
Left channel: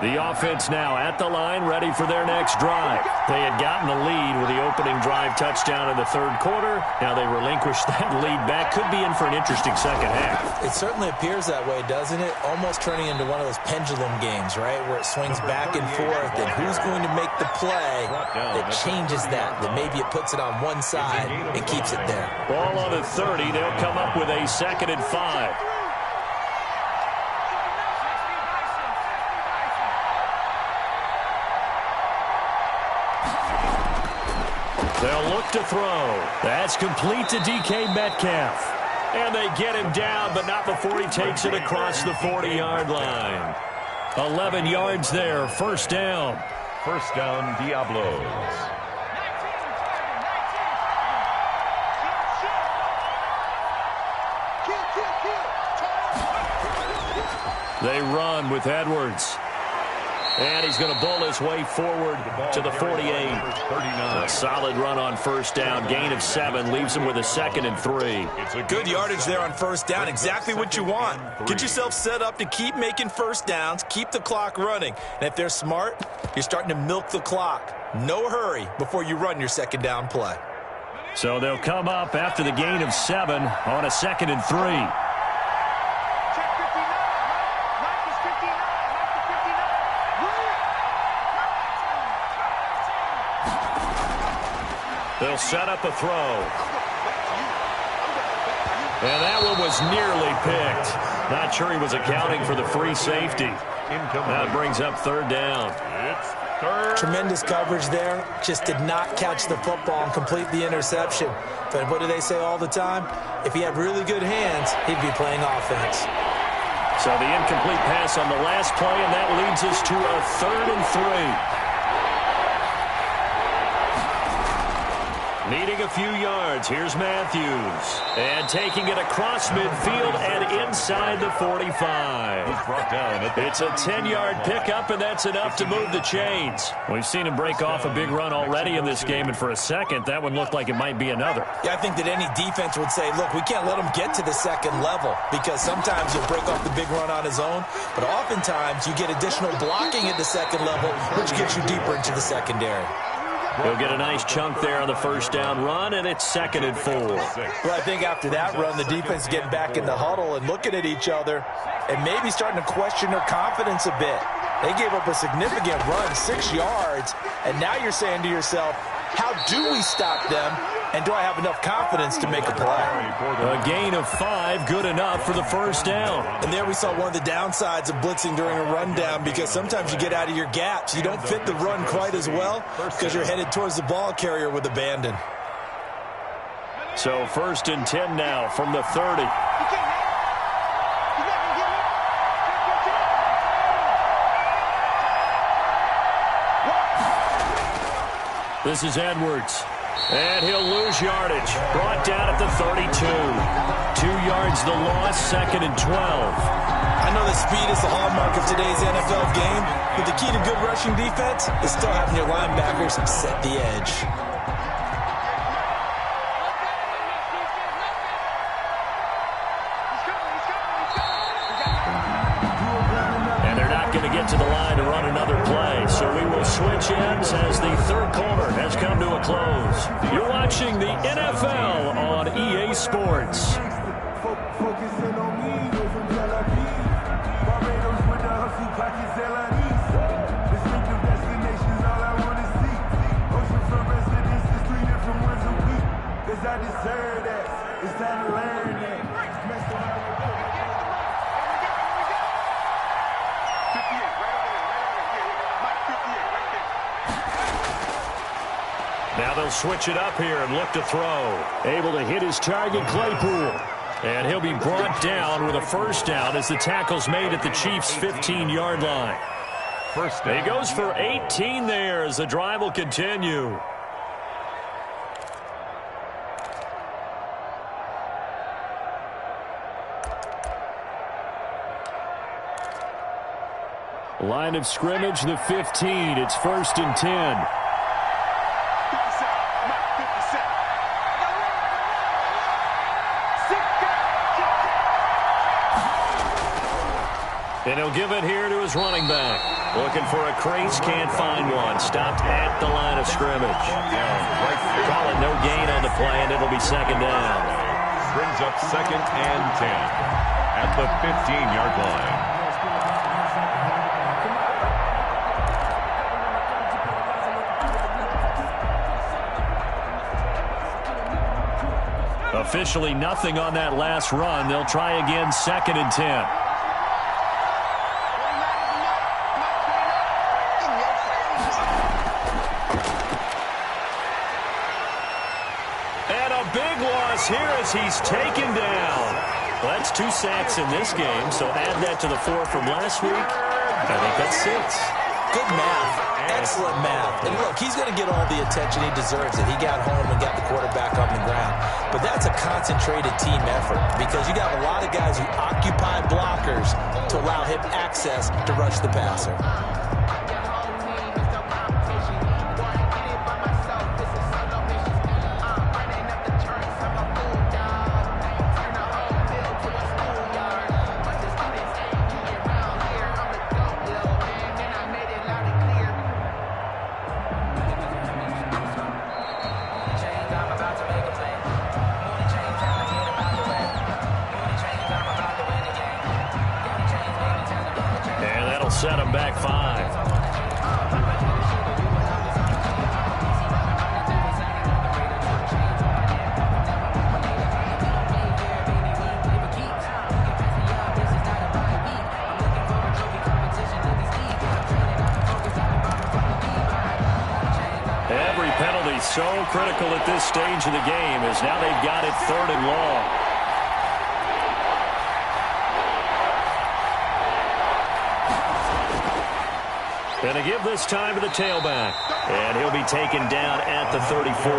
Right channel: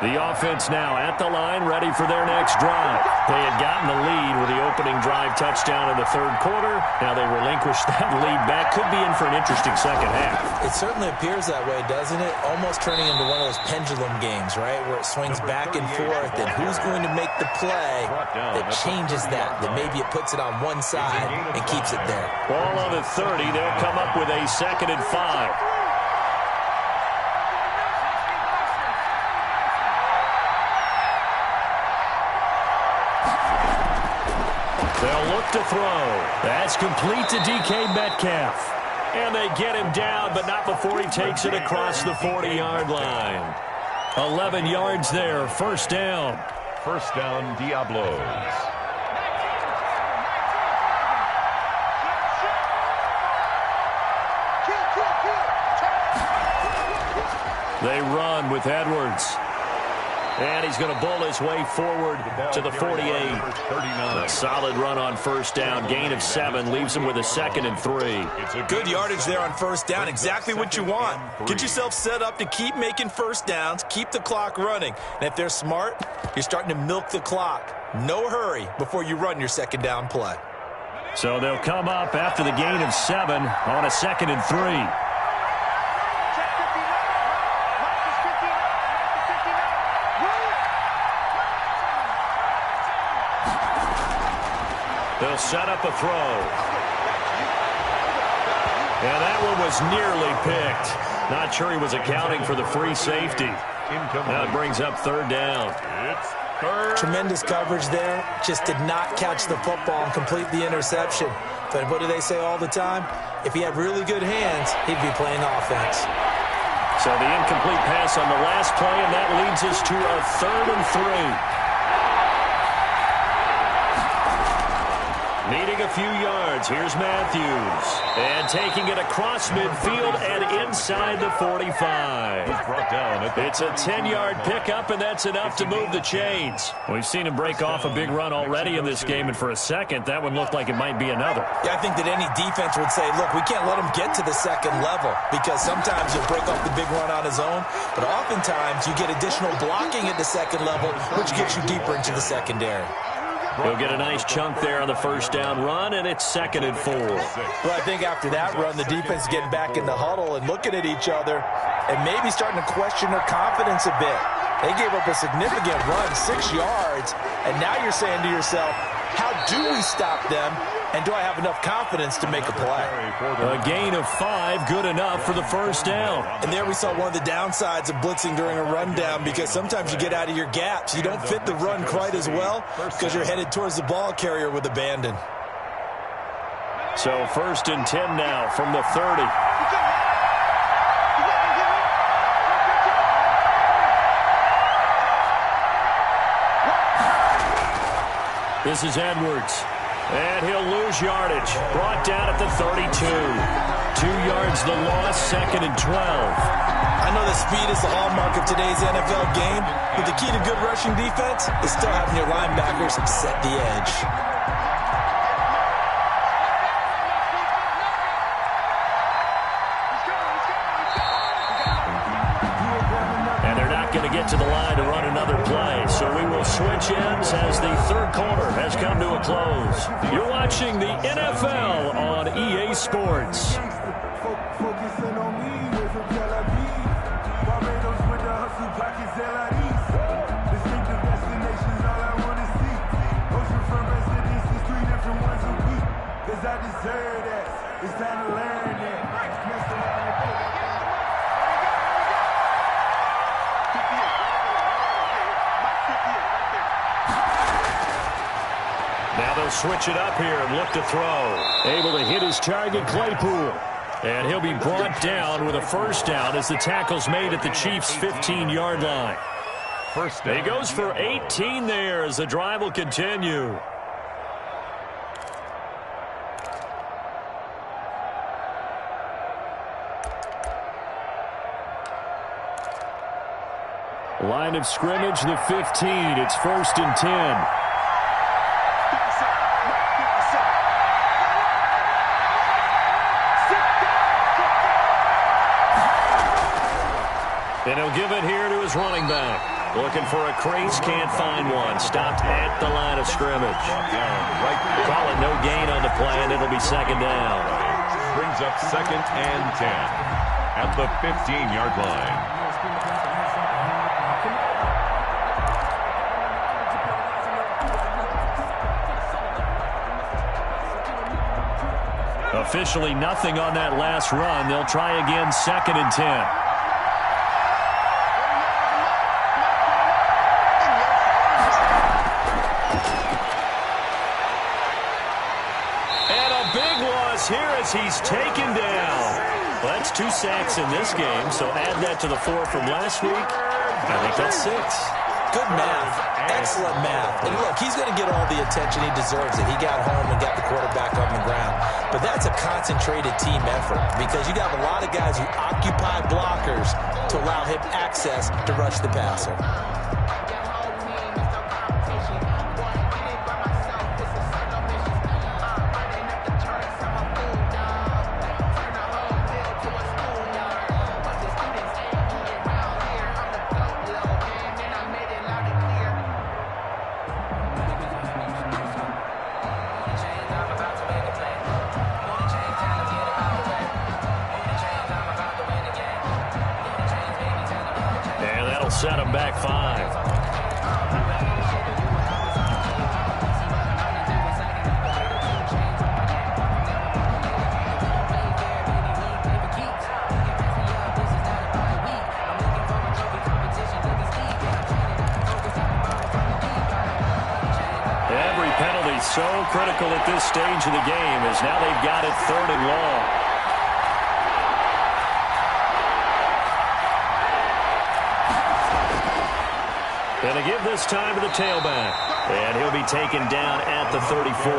The offense now at the line, ready for their next drive. They had gotten the lead with the opening drive touchdown in the third quarter. Now they relinquish that lead back. Could be in for an interesting second half. It certainly appears that way, doesn't it? Almost turning into one of those pendulum games, right, where it swings back and forth, and who's going to make the play that changes that maybe it puts it on one side and keeps it there. Ball on the 30. They'll come up with a 2nd and 5. They'll look to throw. That's complete to DK Metcalf. And they get him down, but not before he takes it across the 40-yard line. 11 yards there, first down. First down, Diablos. They run with Edwards. And he's going to bull his way forward to the 48. A solid run on first down. Gain of 7 leaves him with a 2nd and 3. Good yardage there on first down. Exactly what you want. Get yourself set up to keep making first downs. Keep the clock running. And if they're smart, you're starting to milk the clock. No hurry before you run your second down play. So they'll come up after the gain of 7 on a 2nd and 3. They'll set up a throw. And that one was nearly picked. Not sure he was accounting for the free safety. Now it brings up third down. Tremendous coverage there. Just did not catch the football and complete the interception. But what do they say all the time? If he had really good hands, he'd be playing offense. So the incomplete pass on the last play, and that leads us to a 3rd and 3. Needing a few yards, here's Matthews. And taking it across midfield and inside the 45. It's a 10-yard pickup, and that's enough to move the chains. We've seen him break off a big run already in this game, and for a second, that one looked like it might be another. Yeah, I think that any defense would say, look, we can't let him get to the second level, because sometimes he'll break off the big run on his own, but oftentimes you get additional blocking at the second level, which gets you deeper into the secondary. He'll get a nice chunk there on the first down run, and it's 2nd and 4. Well, I think after that run, the defense is getting back in the huddle and looking at each other and maybe starting to question their confidence a bit. They gave up a significant run, 6 yards, and now you're saying to yourself, how do we stop them, and do I have enough confidence to make a play? A gain of 5, good enough for the first down. And there we saw one of the downsides of blitzing during a rundown, because sometimes you get out of your gaps. You don't fit the run quite as well because you're headed towards the ball carrier with abandon. So 1st and 10 now from the 30. This is Edwards. And he'll lose yardage. Brought down at the 32. 2 yards the loss, 2nd and 12. I know that speed is the hallmark of today's NFL game, but the key to good rushing defense is still having your linebackers set the edge. And they're not going to get to the line to run another play, so we will switch ends as the third quarter has come to a close. You're watching the NFL on EA Sports. Focusing on me, way from Tel Aviv. Barbados with the hustle pockets, LIDs. Distinctive destinations, all I want to see. Oceanfront residences, 3 different ones a week. Cause I deserve that. It's time to learn that. Mess around and put that down. 58, right over there, Yeah. Mike, 58, right there. Now they'll switch it up here and look to throw. Able to hit his target, Claypool. And he'll be brought down with a first down as the tackle's made at the Chiefs' 15-yard line. First down. He goes for 18 there as the drive will continue. Line of scrimmage, the 15. It's 1st and 10. And he'll give it here to his running back. Looking for a crease, can't find one. Stopped at the line of scrimmage. Call it no gain on the play, and it'll be 2nd down. Brings up 2nd and 10 at the 15-yard line. Officially nothing on that last run. They'll try again, 2nd and 10. Here as he's taken down. Well, that's 2 sacks in this game, so add that to the 4 from last week. I think that's 6. Good math. Excellent math. And look, he's going to get all the attention he deserves. He got home and got the quarterback on the ground. But that's a concentrated team effort because you got a lot of guys who occupy blockers to allow him access to rush the passer. Set him back 5. Every penalty so critical at this stage of the game as now they've got it 3rd and long. Going to give this time to the tailback. And he'll be taken down at the 34.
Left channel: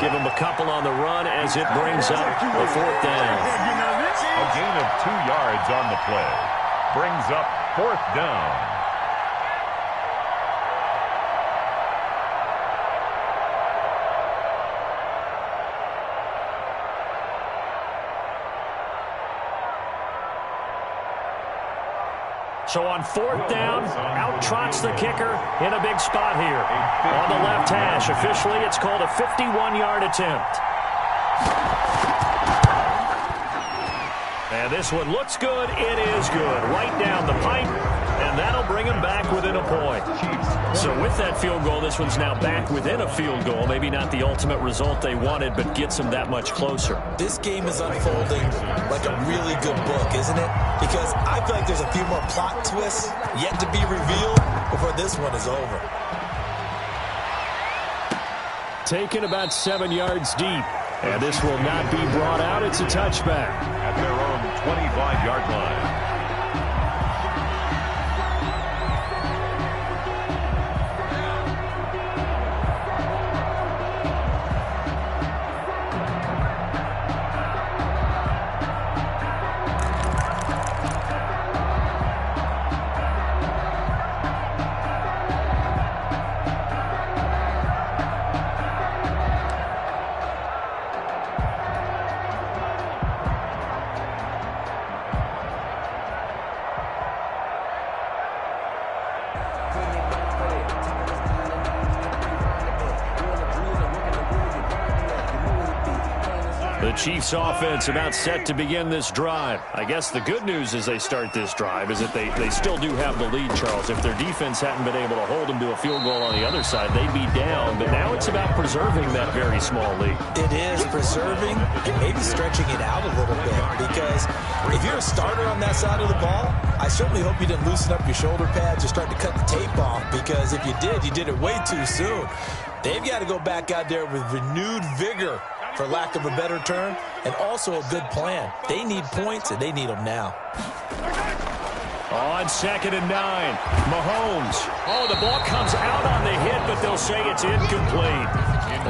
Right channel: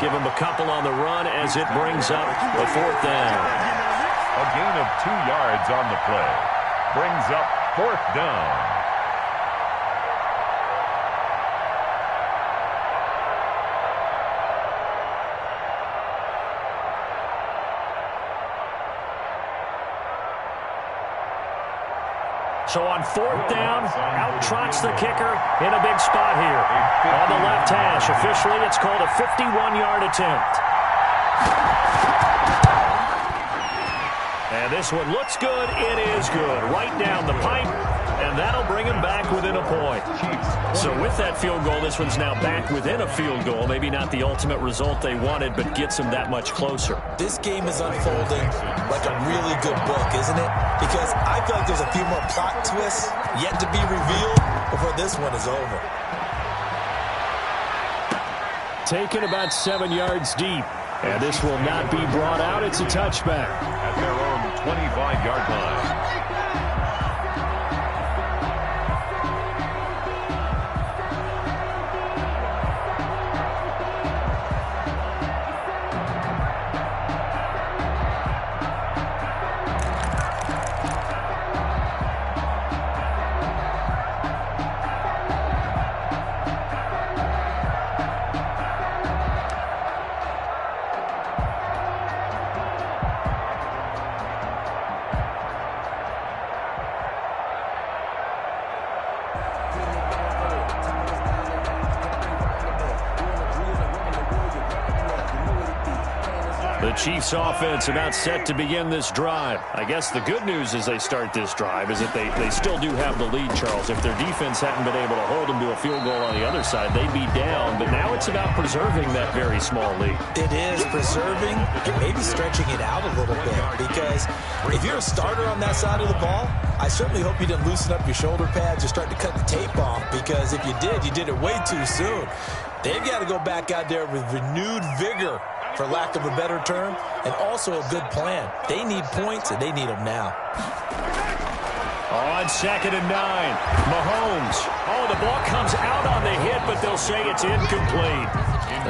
Give him a couple on the run as it brings up the 4th down. A gain of 2 yards on the play. Brings up 4th down. So on 4th down, out trots the kicker in a big spot here. On the left hash, officially it's called a 51-yard attempt. And this one looks good. It is good. Right down the pipe, and that'll bring him back within a point. So with that field goal, this one's now back within a field goal. Maybe not the ultimate result they wanted, but gets them that much closer. This game is unfolding like a really good book, isn't it? Because I feel like there's a few more plot twists yet to be revealed before this one is over. Taken about 7 yards deep. And this will not be brought out. It's a touchback. At their own 25-yard line. The Chiefs offense about set to begin this drive. I guess the good news as they start this drive is that they still do have the lead, Charles. If their defense hadn't been able to hold them to a field goal on the other side, they'd be down. But now it's about preserving that very small lead. It is preserving and maybe stretching it out a little bit, because if you're a starter on that side of the ball, I certainly hope you didn't loosen up your shoulder pads or start to cut the tape off, because if you did it way too soon. They've got to go back out there with renewed vigor, for lack of a better term, and also a good plan. They need points, and they need them now. On 2nd and 9, Mahomes. Oh, the ball comes out on the hit, but they'll say it's incomplete.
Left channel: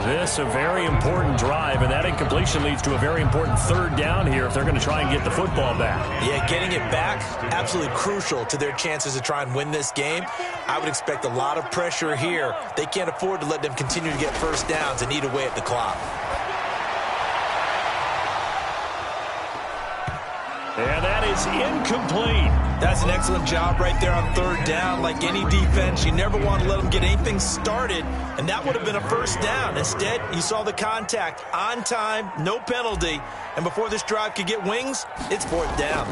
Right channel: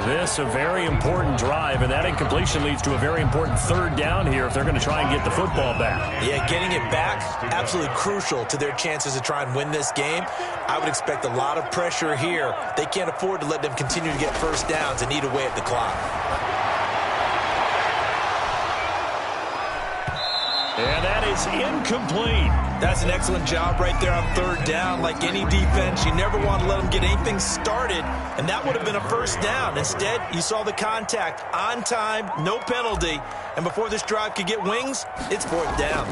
This a very important drive, and that incompletion leads to a very important 3rd down here if they're going to try and get the football back. Yeah, getting it back, absolutely crucial to their chances to try and win this game. I would expect a lot of pressure here. They can't afford to let them continue to get first downs and eat away at the clock. And that is incomplete. That's an excellent job right there on 3rd down. Like any defense, you never want to let them get anything started, and that would have been a first down. Instead, you saw the contact on time, no penalty, and before this drive could get wings, it's 4th down.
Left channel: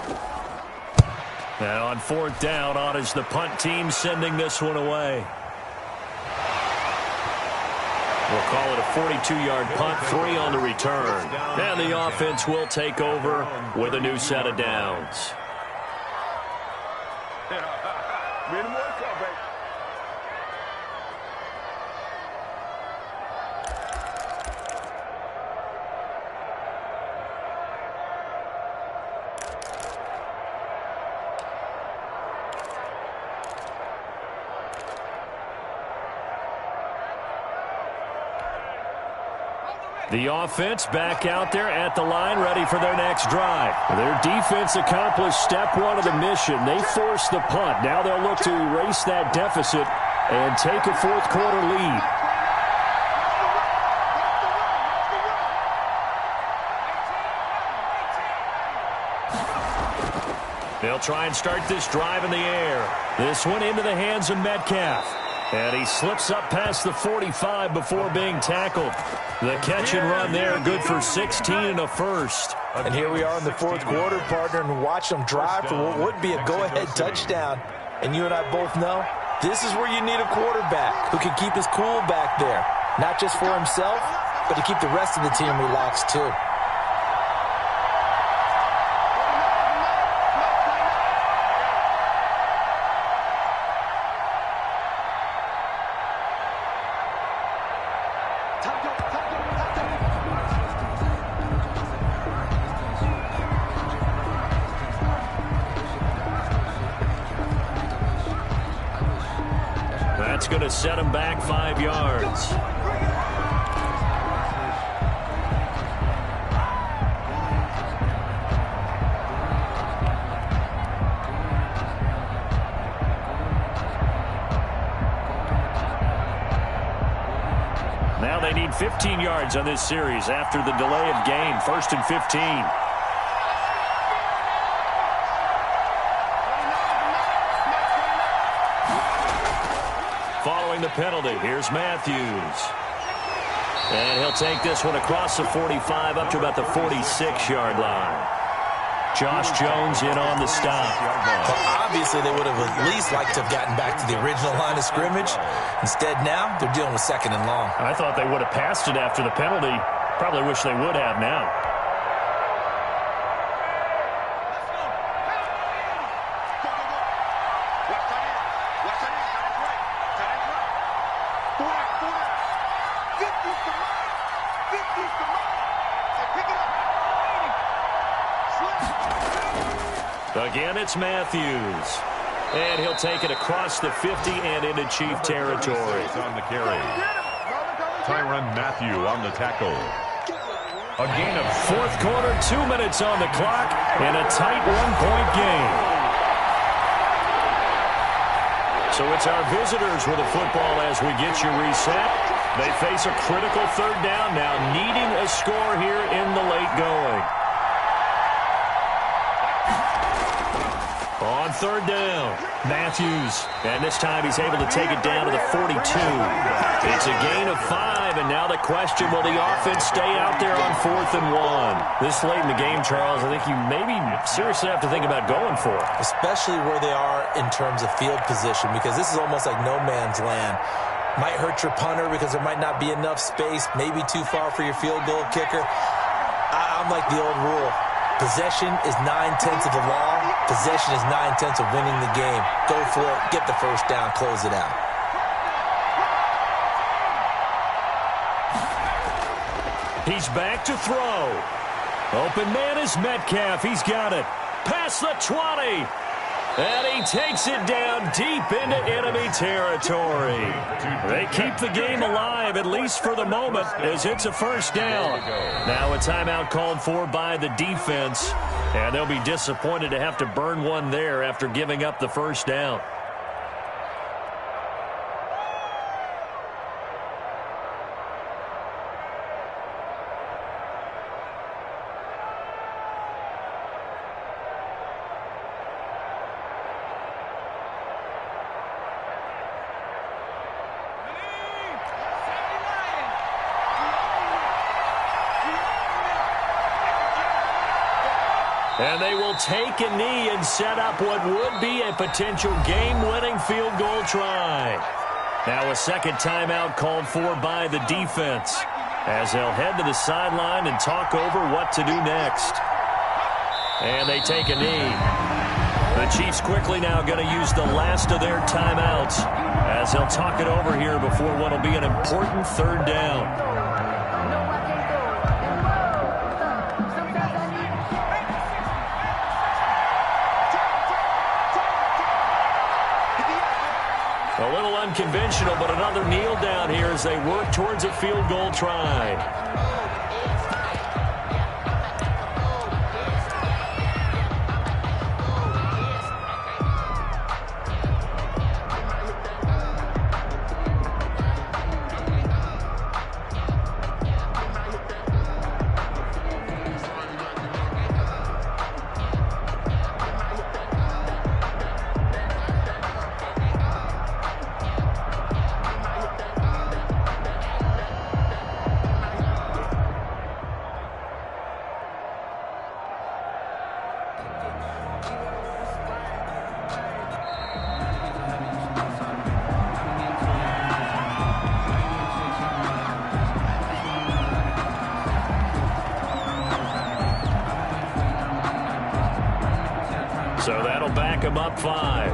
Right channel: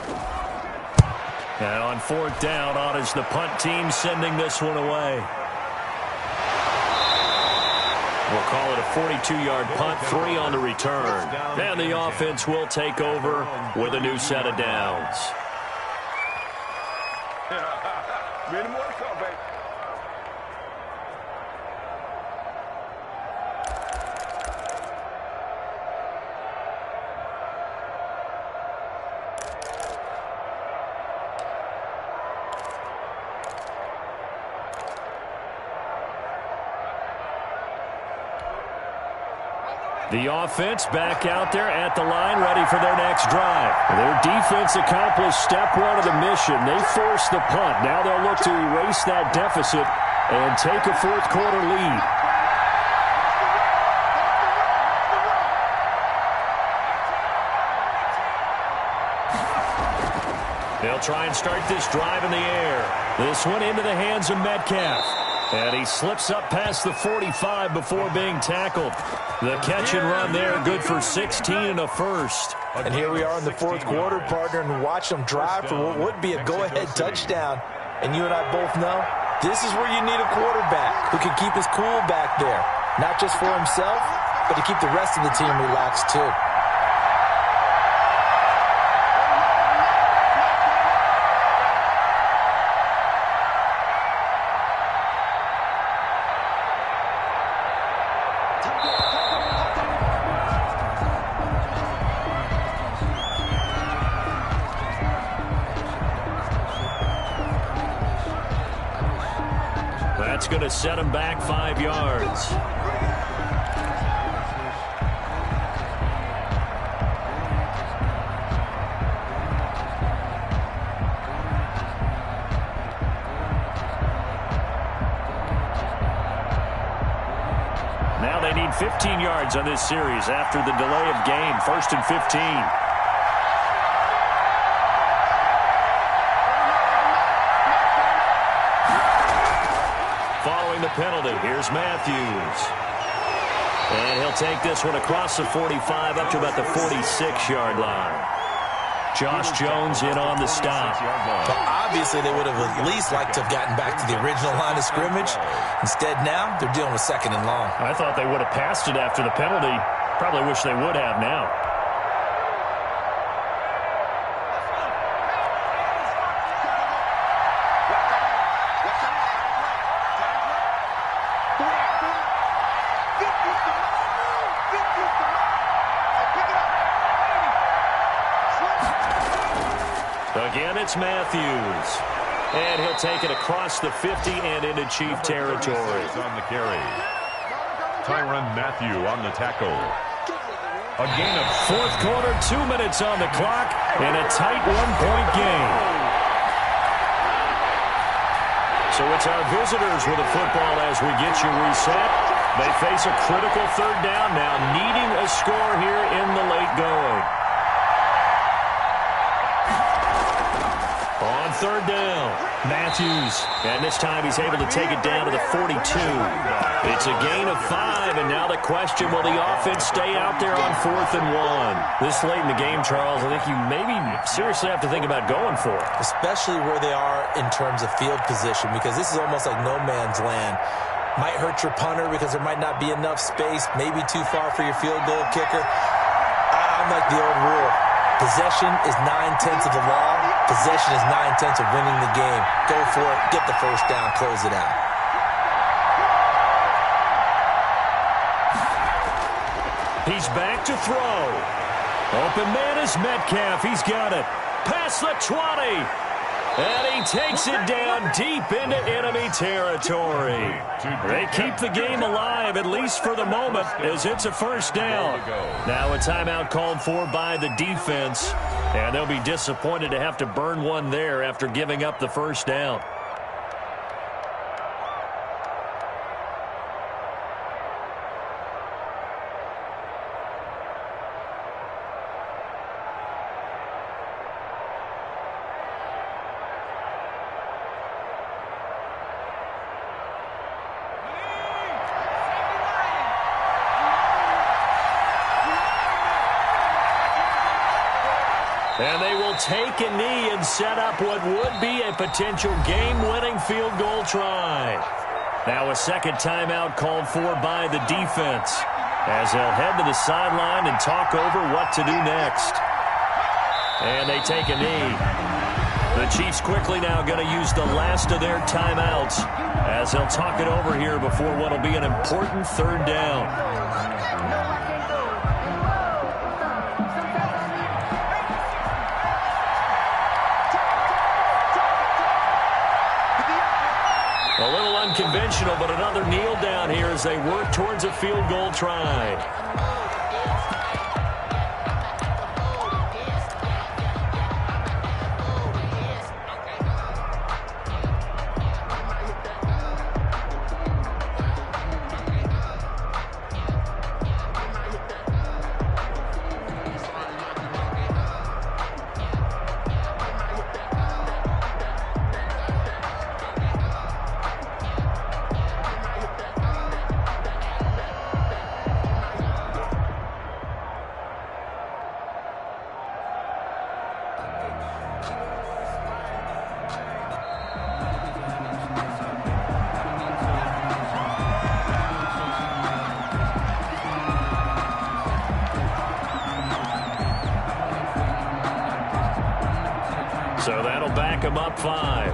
And on 4th down, on is the punt team sending this one away. We'll call it a 42-yard punt, 3 on the return. And the offense will take over with a new set of downs. Many more to come, baby. The offense back out there at the line, ready for their next drive. Their defense accomplished step 1 of the mission. They forced the punt. Now they'll look to erase that deficit and take a 4th quarter lead. They'll try and start this drive in the air. This one into the hands of Metcalf. And he slips up past the 45 before being tackled. The catch and run there, good for 16 and a first. And here we are in the 4th quarter, partner, and watch them drive for what would be a go-ahead touchdown. And you and I both know this is where you need a quarterback who can keep his cool back there. Not just for himself, but to keep the rest of the team relaxed too. That's going to set him back 5 yards. Now they need 15 yards on this series after the delay of game. 1st and 15. Following the penalty, here's Matthews. And he'll take this one across the 45 up to about the 46-yard line. Josh Jones in on the stop. Well, obviously, they would have at least liked to have gotten back to the original line of scrimmage. Instead, now they're dealing with 2nd and long. I thought they would have passed it after the penalty. Probably wish they would have now. Again, it's Matthews. And he'll take it across the 50 and into Chief territory. On the carry. Tyrann Mathieu on the tackle. A gain of 4th quarter, 2 minutes on the clock, and a tight 1-point game. So it's our visitors with the football as we get you reset. They face a critical 3rd down now, needing a score here in the late going. On third down, Matthews. And this time he's able to take it down to the 42. It's a gain of 5, and now the question, will the offense stay out there on 4th and 1? This late in the game, Charles, I think you maybe seriously have to think about going for it. Especially where they are in terms of field position, because this is almost like no man's land. Might hurt your punter because there might not be enough space, maybe too far for your field goal kicker. I'm like the old rule. Possession is 9/10 of the law. Possession is 9/10 of winning the game. Go for it. Get the first down. Close it out. He's back to throw. Open man is Metcalf. He's got it. Past the 20. And he takes it down deep into enemy territory. They keep the game alive, at least for the moment, as it's a first down. Now a timeout called for by the defense, and they'll be disappointed to have to burn one there after giving up the first down. And they will take a knee and set up what would be a potential game-winning field goal try. Now a second timeout called for by the defense, as they'll head to the sideline and talk over what to do next. And they take a knee. The Chiefs quickly now going to use the last of their timeouts, as they'll talk it over here before what will be an important third down. A little unconventional, but another kneel down here as they work towards a field goal try. So that'll back him up 5.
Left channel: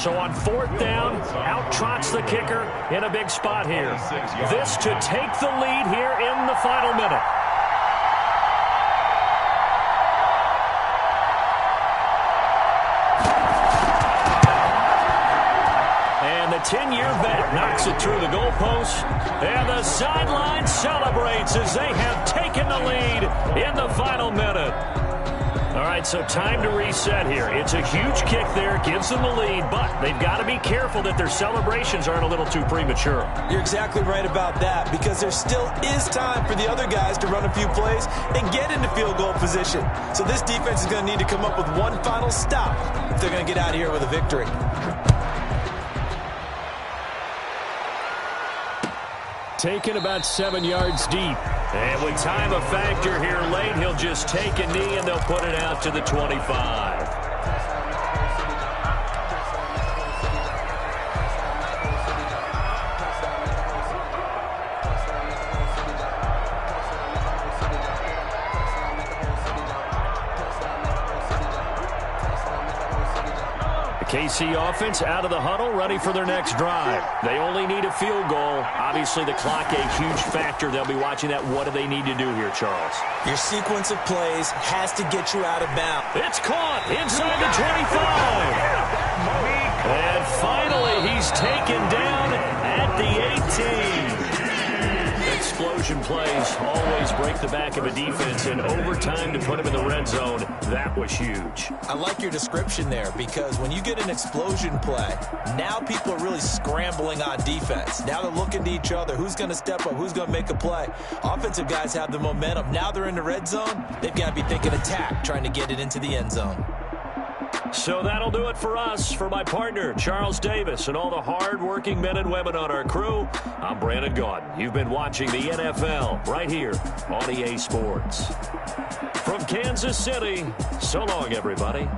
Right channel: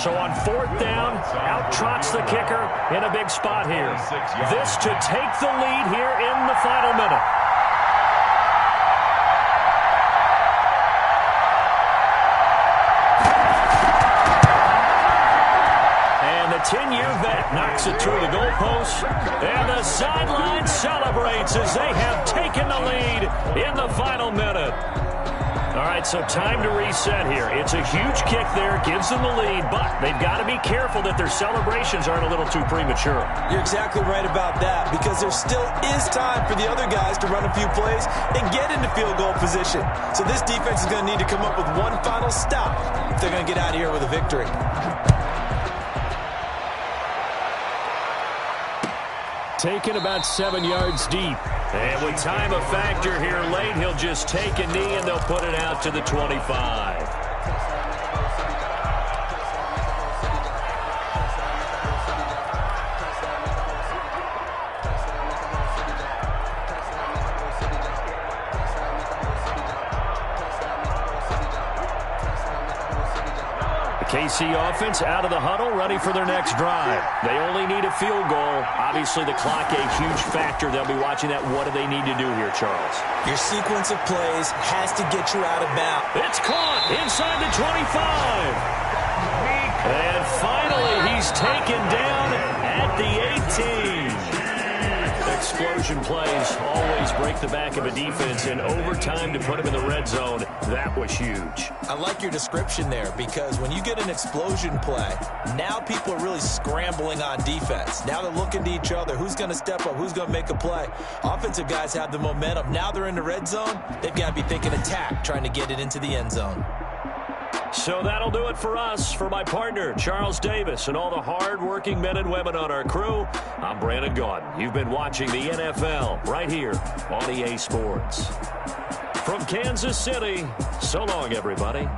So on fourth down, out trots the kicker in a big spot here. This to take the lead here in the final minute. And the 10-year vet knocks it through the goalpost. And the sideline celebrates as they have taken the lead in the final minute. All right, so time to reset here. It's a huge kick there, gives them the lead, but they've got to be careful that their celebrations aren't a little too premature. You're exactly right about that, because there still is time for the other guys to run a few plays and get into field goal position. So this defense is going to need to come up with one final stop if they're going to get out of here with a victory. Taken about 7 yards deep. And with time a factor here late, he'll just take a knee and they'll put it out to the 25. KC offense out of the huddle, ready for their next drive. They only need a field goal. Obviously, the clock a huge factor. They'll be watching that. What do they need to do here, Charles? Your sequence of plays has to get you out of bounds. It's caught inside the 25. And finally, he's taken down at the 18. The explosion plays always break the back of a defense, and overtime to put him in the red zone, that was huge. I like your description there, because when you get an explosion play, now people are really scrambling on defense. Now they're looking to each other. Who's going to step up? Who's going to make a play? Offensive guys have the momentum. Now they're in the red zone. They've got to be thinking attack, trying to get it into the end zone. So that'll do it for us. For my partner, Charles Davis, and all the hard-working men and women on our crew, I'm Brandon Gaudin. You've been watching the NFL right here on EA Sports. From Kansas City, so long, everybody.